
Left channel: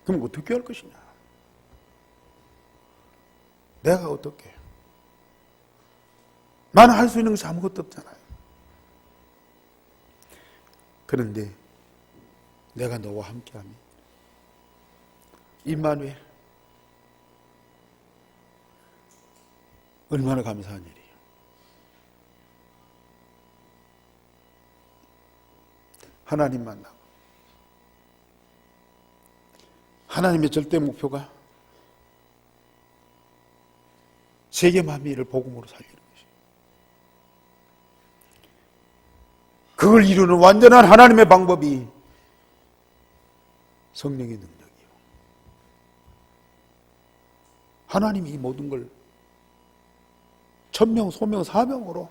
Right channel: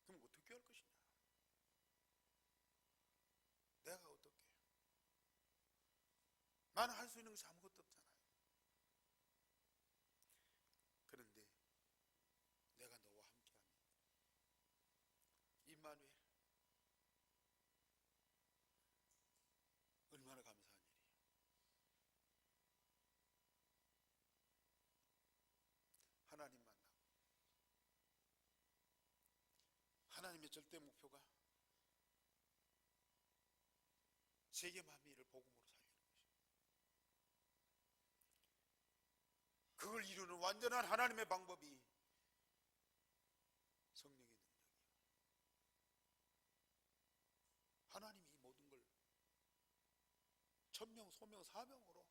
그럼 어떻게 할 것이냐? 내가 어떻게? 나는 할 수 있는 것이 아무것도 없잖아요. 그런데 내가 너와 함께하면 임마누엘 얼마나 감사한 일이에요. 하나님 만나고 하나님의 절대 목표가 세계 만민을 복음으로 살리는 것이에요. 그걸 이루는 완전한 하나님의 방법이 성령의 능력이요. 하나님이 이 모든 걸 천명, 소명, 사명으로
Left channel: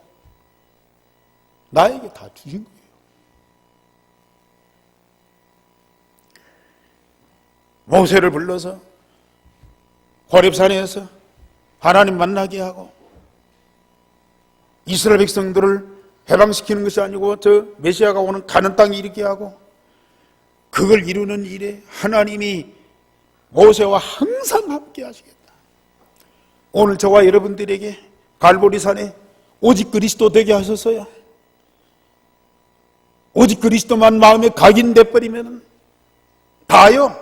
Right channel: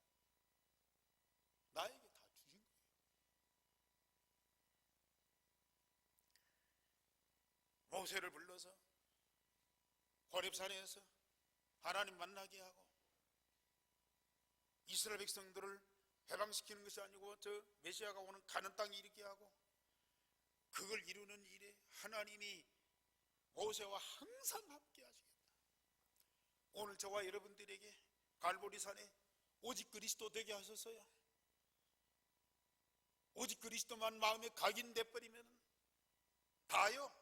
나에게 다 주신 거예요. 모세를 불러서 호렙산에서 하나님 만나게 하고 이스라엘 백성들을 해방시키는 것이 아니고 저 메시아가 오는 가나안 땅에 이르게 하고 그걸 이루는 일에 하나님이 모세와 항상 함께 하시겠다. 오늘 저와 여러분들에게 갈보리산에 오직 그리스도 되게 하셨어요. 오직 그리스도만 마음에 각인돼 버리면 다요.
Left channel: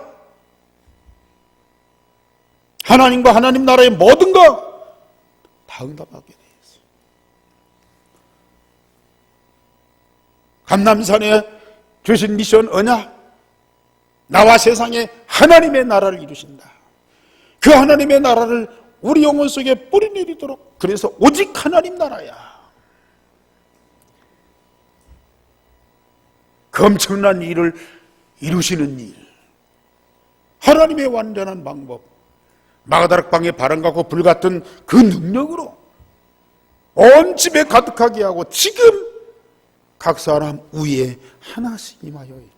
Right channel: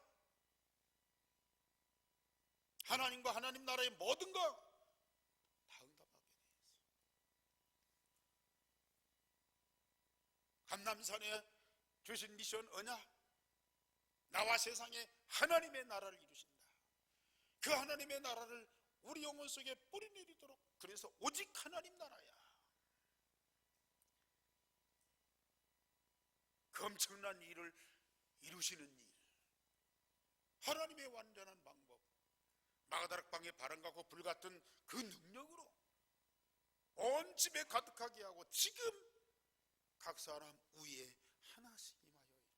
하나님과 하나님 나라의 모든 거 다 응답하게 돼 있어요. 감람산에 주신 미션 언약, 나와 세상에 하나님의 나라를 이루신다. 그 하나님의 나라를 우리 영혼 속에 뿌리내리도록, 그래서 오직 하나님 나라야. 그 엄청난 일을 이루시는 일, 하나님의 완전한 방법, 마가다락방에 바람같고 불같은 그 능력으로 온 집에 가득하게 하고 지금 각 사람 위에 하나씩 임하여 있다.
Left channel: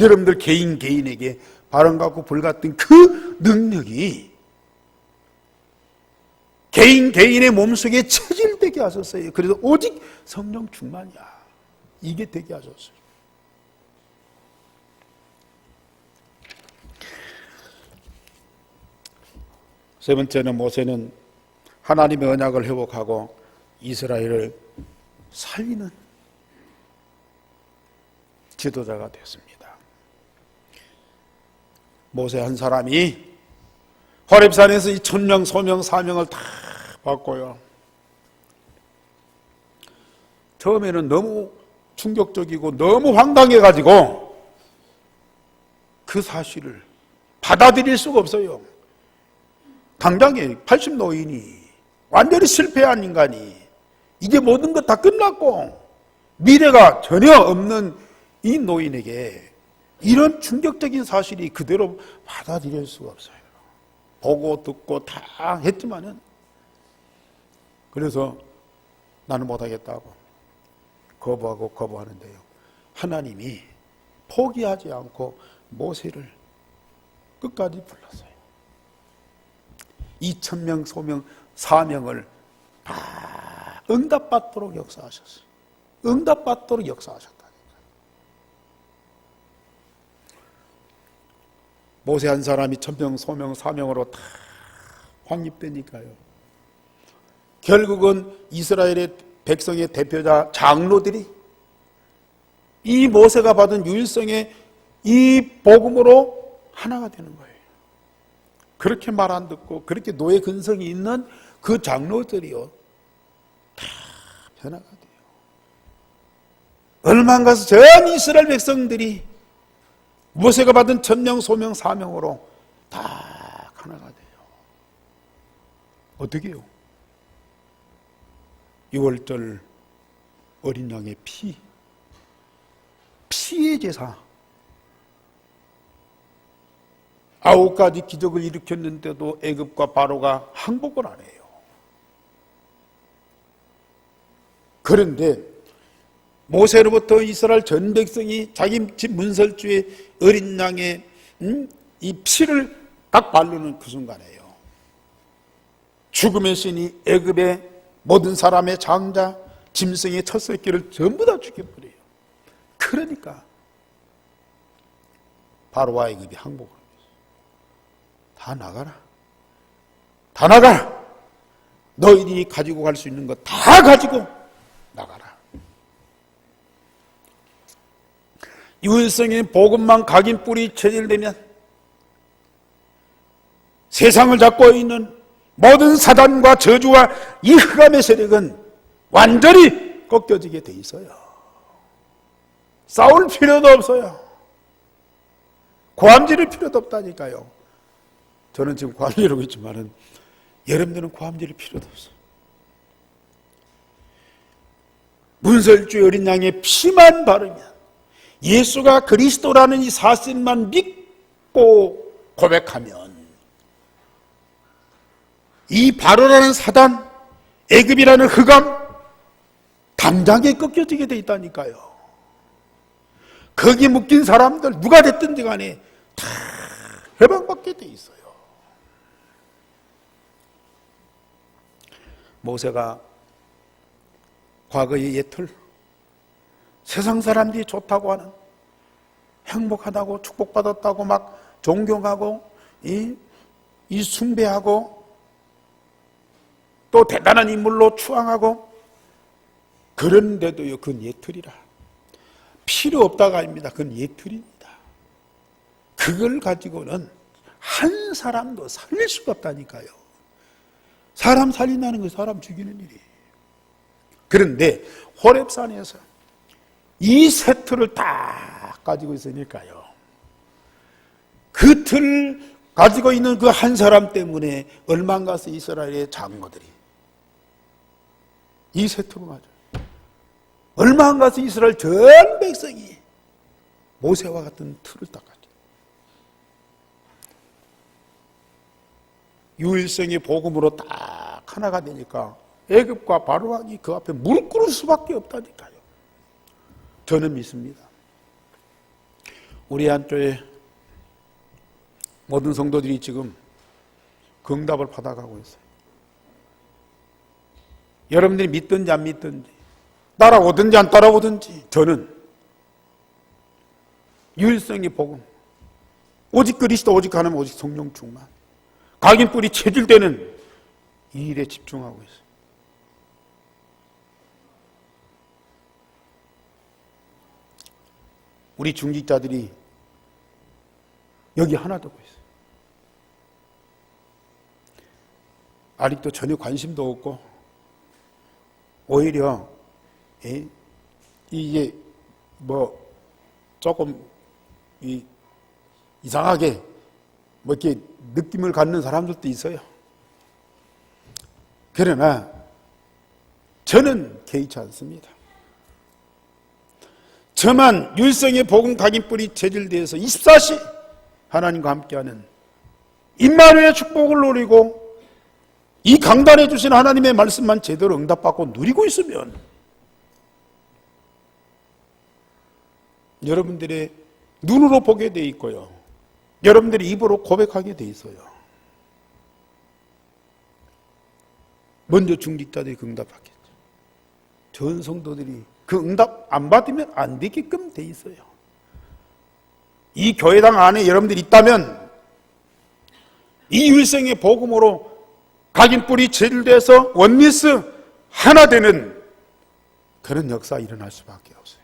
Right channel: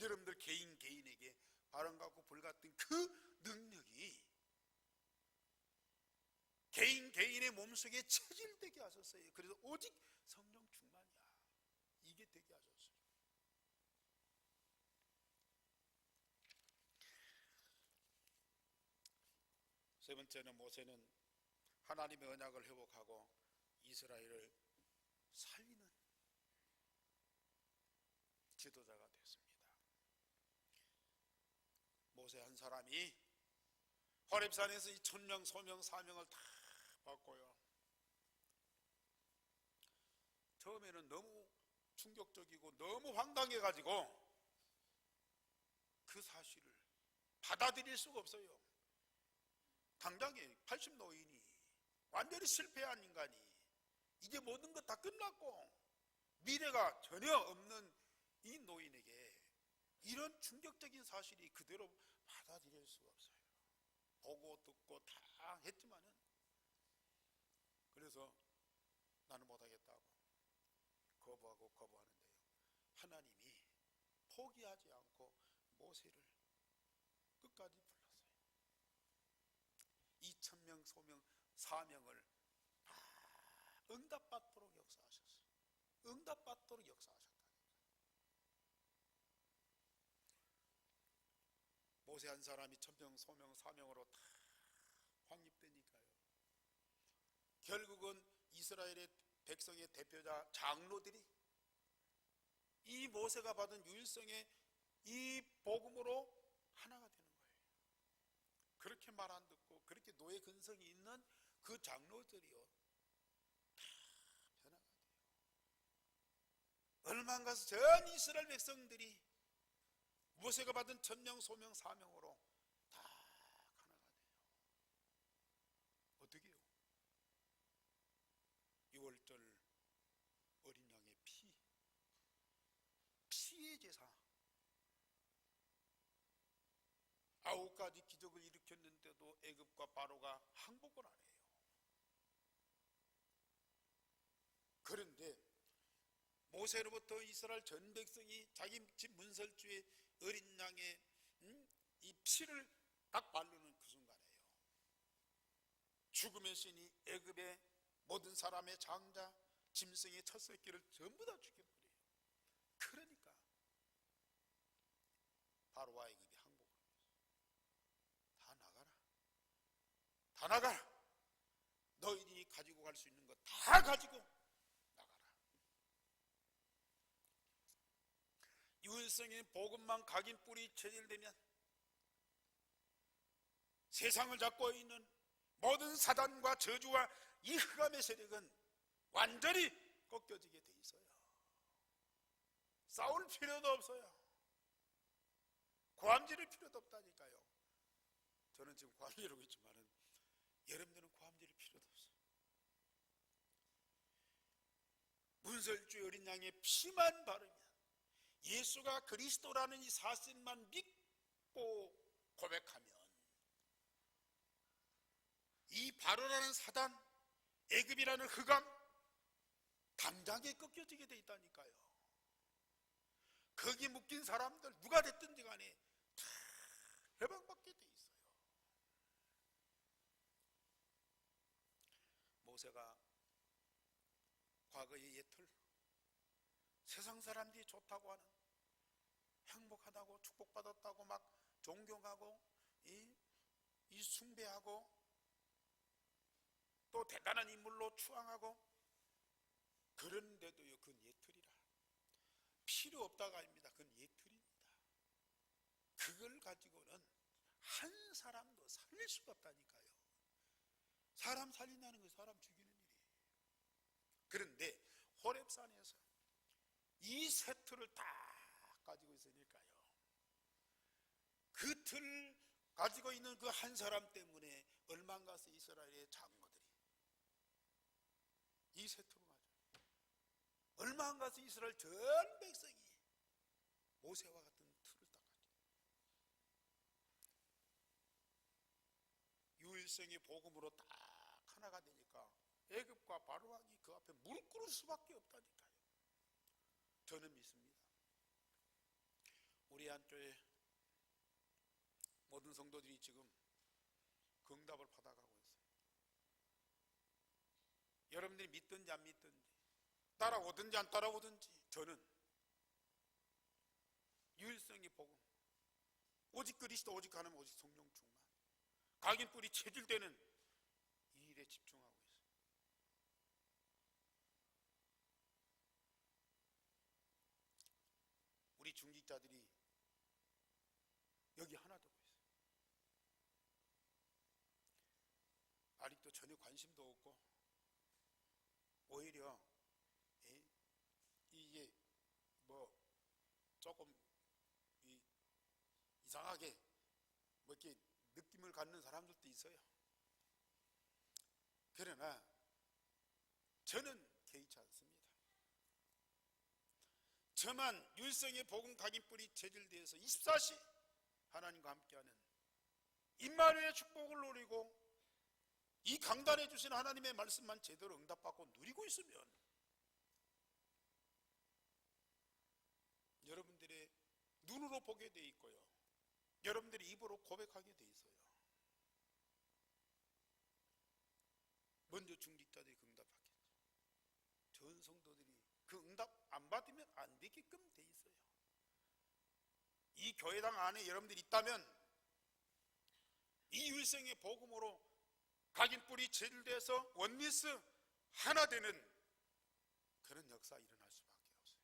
여러분들 개인에게 바람같고 불같은 그 능력이 개인의 몸속에 체질되게 하셨어요. 그래서 오직 성령 충만이야. 이게 되게 하셨어요. 세 번째는 모세는 하나님의 언약을 회복하고 이스라엘을 살리는 지도자가 됐습니다. 모세 한 사람이 호렙산에서 이 천명, 소명, 사명을 다 받고요. 처음에는 너무 충격적이고 너무 황당해가지고 그 사실을 받아들일 수가 없어요. 당장에 80 노인이 완전히 실패한 인간이 이제 모든 것 다 끝났고 미래가 전혀 없는 이 노인에게 이런 충격적인 사실이 그대로 받아들일 수가 없어요. 보고 듣고 다 했지만은, 그래서 나는 못하겠다고 거부하는데요. 하나님이 포기하지 않고 모세를 끝까지 불렀어요. 이 천명, 소명, 사명을 다 응답받도록 역사하셨어요. 응답받도록 역사하셨다니까요. 모세 한 사람이 천명, 소명, 사명으로 다 확립되니까요. 결국은 이스라엘의 백성의 대표자 장로들이 이 모세가 받은 유일성의 이 복음으로 하나가 되는 거예요. 그렇게 말 안 듣고 그렇게 노예 근성이 있는 그 장로들이요, 다 변화가 돼요. 얼마 안 가서 전 이스라엘 백성들이 모세가 받은 천명, 소명, 사명으로 다 하나가 돼요. 어떻게 해요? 6월절 어린 양의 피의 제사, 9가지 기적을 일으켰는데도 애굽과 바로가 항복을 안 해요. 그런데 모세로부터 이스라엘 전 백성이 자기 집 문설주에 어린 양의 이 피를 딱 바르는 그 순간에요, 죽음의 신이 애굽의 모든 사람의 장자, 짐승의 첫 새끼를 전부 다 죽여버려요. 그러니까 바로와 애굽이 항복을 합니다. 다 나가라, 다 나가라, 너희들이 가지고 갈 수 있는 거 다 가지고 나가라. 유일성의 복음만 각인 뿌리 체질되면 세상을 잡고 있는 모든 사단과 저주와 이 흑암의 세력은 완전히 꺾여지게 돼 있어요. 싸울 필요도 없어요. 고함 지를 필요도 없다니까요. 저는 지금 고함 지르고 있지만은 여러분들은 고함 지를 필요도 없어요. 문설주 어린 양의 피만 바르면 예수가 그리스도라는 이 사실만 믿고 고백하면 이 바로라는 사단, 애굽이라는 흑암 당장에 꺾여지게 돼 있다니까요. 거기 묶인 사람들 누가 됐든지 간에 다 해방받게 돼 있어요. 모세가 과거의 옛틀, 세상 사람들이 좋다고 하는, 행복하다고 축복받았다고 막 존경하고 이 숭배하고 또 대단한 인물로 추앙하고, 그런데도요, 그건 옛틀이라. 필요 없다가 아닙니다. 그건 옛틀입니다. 그걸 가지고는 한 사람도 살릴 수가 없다니까요. 사람 살린다는 건 사람 죽이는 일이에요. 그런데 호렙산에서 이 세 틀을 다 가지고 있으니까요, 그 틀 가지고 있는 그 한 사람 때문에 얼마 안 가서 이스라엘의 장로들이 이 세 틀을 맞아요. 얼마 안 가서 이스라엘 전 백성이 모세와 같은 틀을 딱 가지고, 유일성의 복음으로 딱 하나가 되니까 애굽과 바로 왕이 그 앞에 무릎 꿇을 수밖에 없다니까요. 저는 믿습니다. 우리 한교회 모든 성도들이 지금 그 응답을 받아가고 있어요. 여러분들이 믿든지 안 믿든지, 따라오든지 안 따라오든지, 저는 유일성의 복음, 오직 그리스도, 오직 하나님, 오직 성령 충만, 각인뿌리 체질되는 이 일에 집중하고 있어요. 우리 중직자들이 여기 하나 되고 있어요. 아직도 전혀 관심도 없고, 오히려 이게 뭐 조금 이상하게 뭐 이렇게 느낌을 갖는 사람들도 있어요. 그러나 저는 개의치 않습니다. 저만 율성의 복음 각인뿌리 체질되어서 24시 하나님과 함께하는 임마누엘의 축복을 누리고 이 강단해 주신 하나님의 말씀만 제대로 응답받고 누리고 있으면 여러분들의 눈으로 보게 돼 있고요, 여러분들이 입으로 고백하게 돼 있어요. 먼저 중직자들이 그 응답받겠죠. 전 성도들이 그 응답 안 받으면 안 되게끔 돼 있어요. 이 교회당 안에 여러분들이 있다면 이 율성의 복음으로 각인뿌리 체질돼서 원리스 하나 되는 그런 역사 일어날 수밖에 없어요.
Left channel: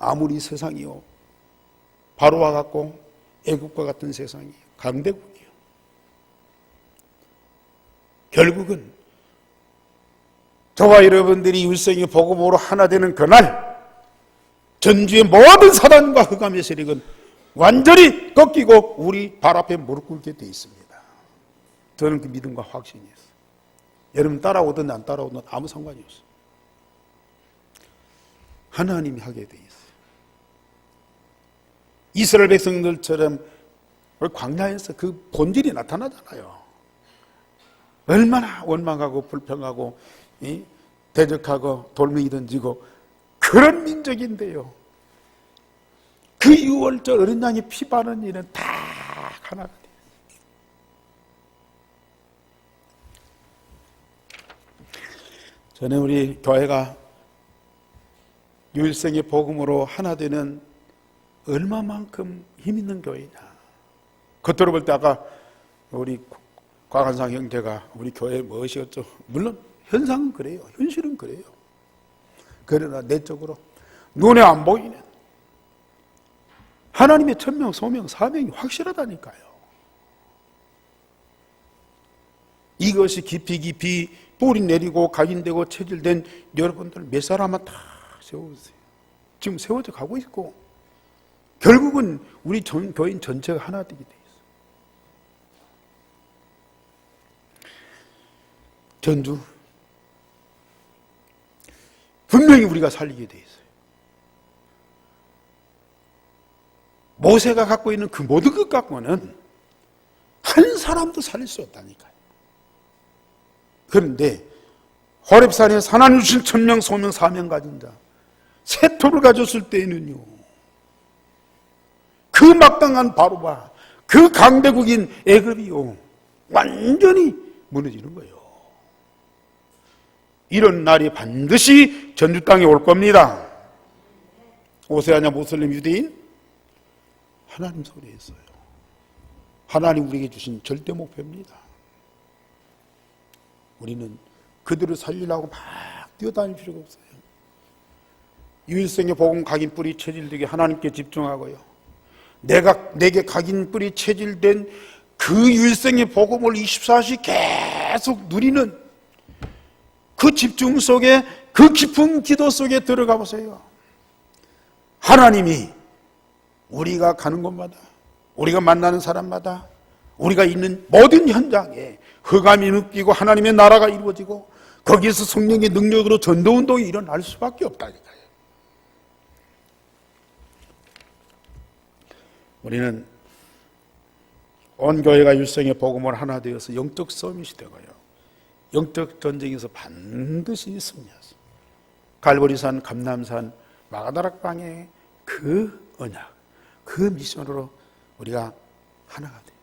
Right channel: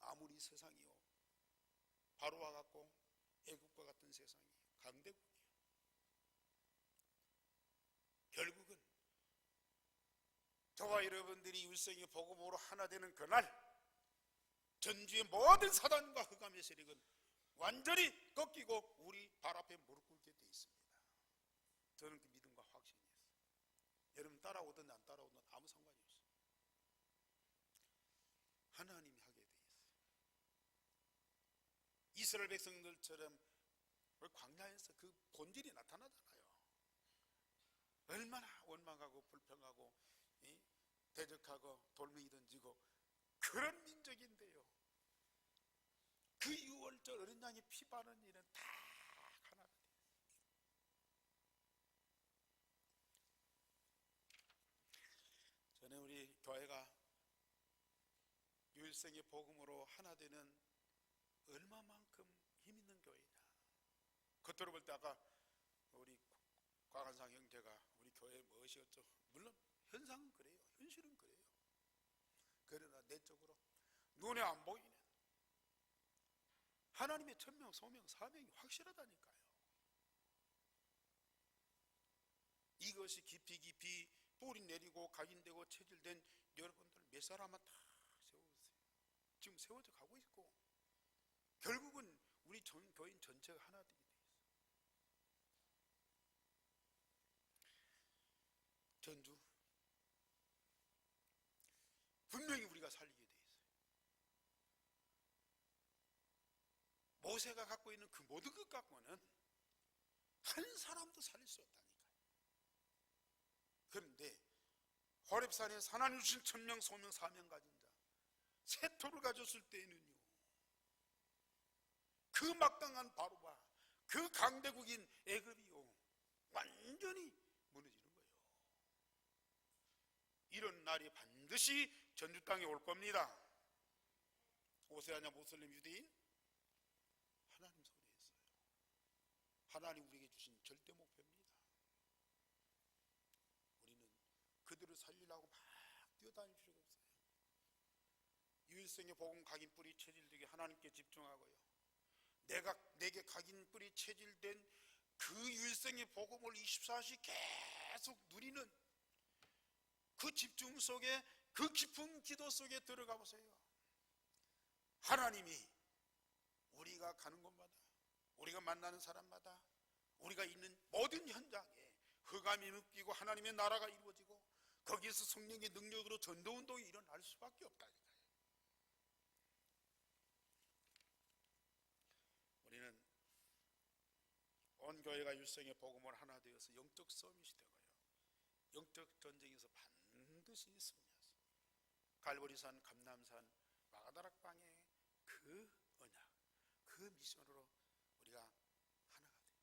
아무리 세상이요, 바로와 같고 애국과 같은 세상이 강대국이요, 결국은 저와 여러분들이 율성의 복음으로 하나 되는 그날 전주의 모든 사단과 흑암의 세력은 완전히 꺾이고 우리 발 앞에 무릎 꿇게 돼 있습니다. 저는 그 믿음과 확신이 있어요. 여러분 따라오든 안 따라오든 아무 상관이 없어요. 하나님이 하게 돼 있어요. 이스라엘 백성들처럼 광야에서 그 본질이 나타나잖아요. 얼마나 원망하고 불평하고 대적하고 돌멩이 던지고 그런 민족인데요, 그 6월절 어린 양이 피 바르는 일은 다 하나가 돼요. 전에 우리 교회가 유일성의 복음으로 하나 되는 얼마만큼 힘 있는 교회냐, 겉으로 볼 때 아까 우리 곽한상 형제가 우리 교회 무엇이었죠? 물론 현상은 그래요, 현실은 그래요. 그러나 내적으로 눈에 안 보이는 하나님의 천명, 소명, 사명이 확실하다니까요. 이것이 깊이 뿌리 내리고 각인되고 체질된 여러분들 몇 사람은 다 세워주세요. 지금 세워져 가고 있고 결국은 우리 교인 전체가 하나 되게 돼 있어요. 전주 분명히 우리가 살리게 돼 있어요. 모세가 갖고 있는 그 모든 것 갖고는 한 사람도 살릴 수 없다니까요. 그런데 호렙산에 하나님 주신 천명 소명 사명 가진 자 세토를 가졌을 때에는요, 그 막강한 바로바, 그 강대국인 애굽이요, 완전히 무너지는 거예요. 이런 날이 반드시 전주 땅에 올 겁니다. 오세아냐 모슬림 유대인? 하나님 손에 있어요. 하나님 우리에게 주신 절대 목표입니다. 우리는 그들을 살리려고 막 뛰어다닐 필요가 없어요. 유일성의 복음 각인 뿌리 체질되게 하나님께 집중하고요, 내게 각인 뿌리 체질된 그 유일성의 복음을 24시 계속 누리는 그 집중 속에, 그 깊은 기도 속에 들어가 보세요. 하나님이 우리가 가는 곳마다, 우리가 만나는 사람마다, 우리가 있는 모든 현장에 흑암이 느끼고 하나님의 나라가 이루어지고 거기에서 성령의 능력으로 전도운동이 일어날 수밖에 없다니까요. 우리는 온 교회가 일성의 복음을 하나 되어서 영적 서밋이 되고요, 영적 전쟁에서 반드시 승리하죠. 갈보리산, 감남산, 마가다락방의 그 언약, 그 미션으로 우리가 하나가 돼요.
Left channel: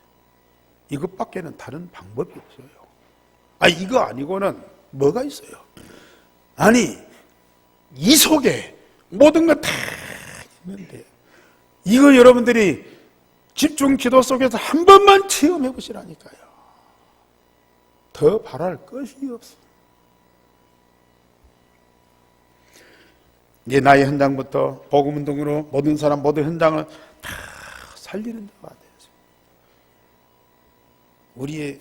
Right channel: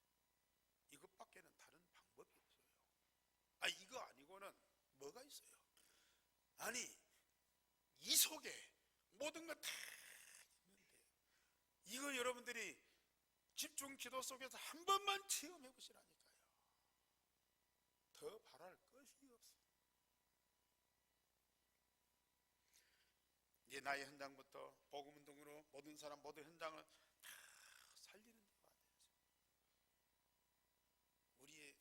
이것밖에는 다른 방법이 없어요. 이거 아니고는 뭐가 있어요? 아니, 이 속에 모든 것 다 있는데, 이거 여러분들이 집중 기도 속에서 한 번만 체험해 보시라니까요. 더 바랄 것이 없어. 이제 나의 현장부터 복음운동으로 모든 사람, 모든 현장을 다 살리는 데가 돼요. 우리의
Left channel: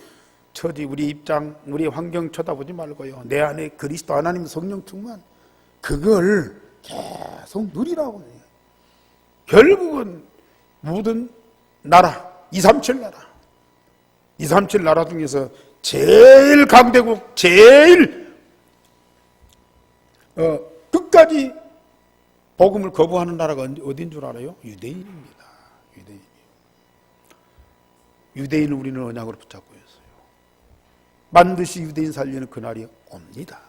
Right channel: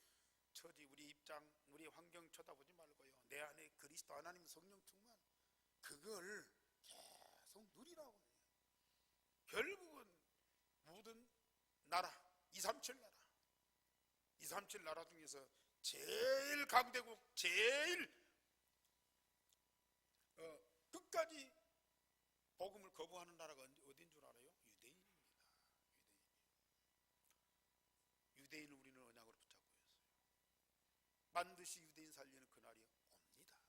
처지, 우리 입장, 우리 환경 쳐다보지 말고요, 내 안에 그리스도 하나님 성령 충만, 그걸 계속 누리라고 해요. 결국은 모든 나라, 237 나라, 237 나라 중에서 제일 강대국, 제일 끝까지 복음을 거부하는 나라가 어딘 줄 알아요? 유대인입니다. 유대인을 우리는 언약으로 붙잡고 있어요. 반드시 유대인 살리는 그날이 옵니다.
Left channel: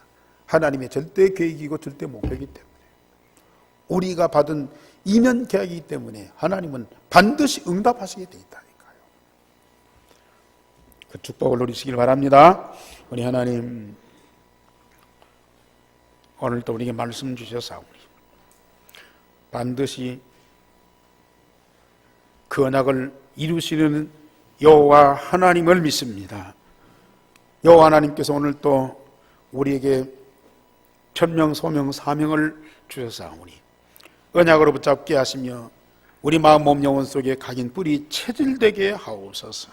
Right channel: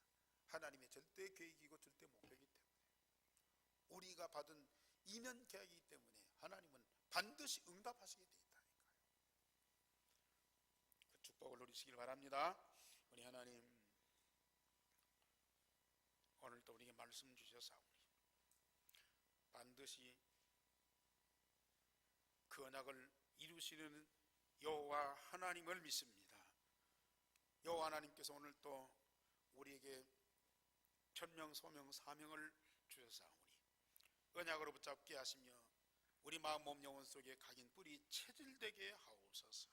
하나님의 절대 계획이고 절대 목표이기 때문에, 우리가 받은 이면 계약이기 때문에 하나님은 반드시 응답하시게 돼 있다니까요. 그 축복을 누리시길 바랍니다. 우리 하나님, 오늘도 우리에게 말씀 주셔서 반드시 그 언약을 이루시는 여호와 하나님을 믿습니다. 여호와 하나님께서 오늘 또 우리에게 천명, 소명, 사명을 주셨사오니 언약으로 붙잡게 하시며 우리 마음, 몸, 영혼 속에 각인 뿌리 체질되게 하옵소서.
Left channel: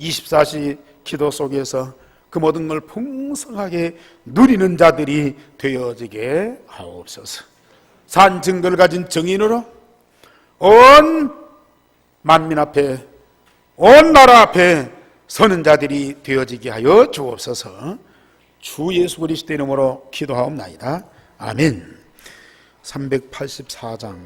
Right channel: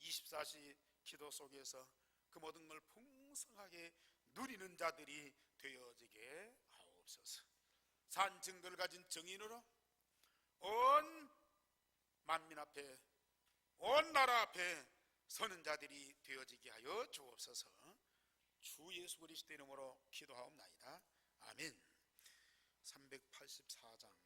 24시 기도 속에서 그 모든 걸 풍성하게 누리는 자들이 되어지게 하옵소서. 산 증거를 가진 정인으로 온 만민 앞에, 온 나라 앞에 서는 자들이 되어지게 하여 주옵소서. 주 예수 그리스도의 이름으로 기도하옵나이다. 아멘. 384장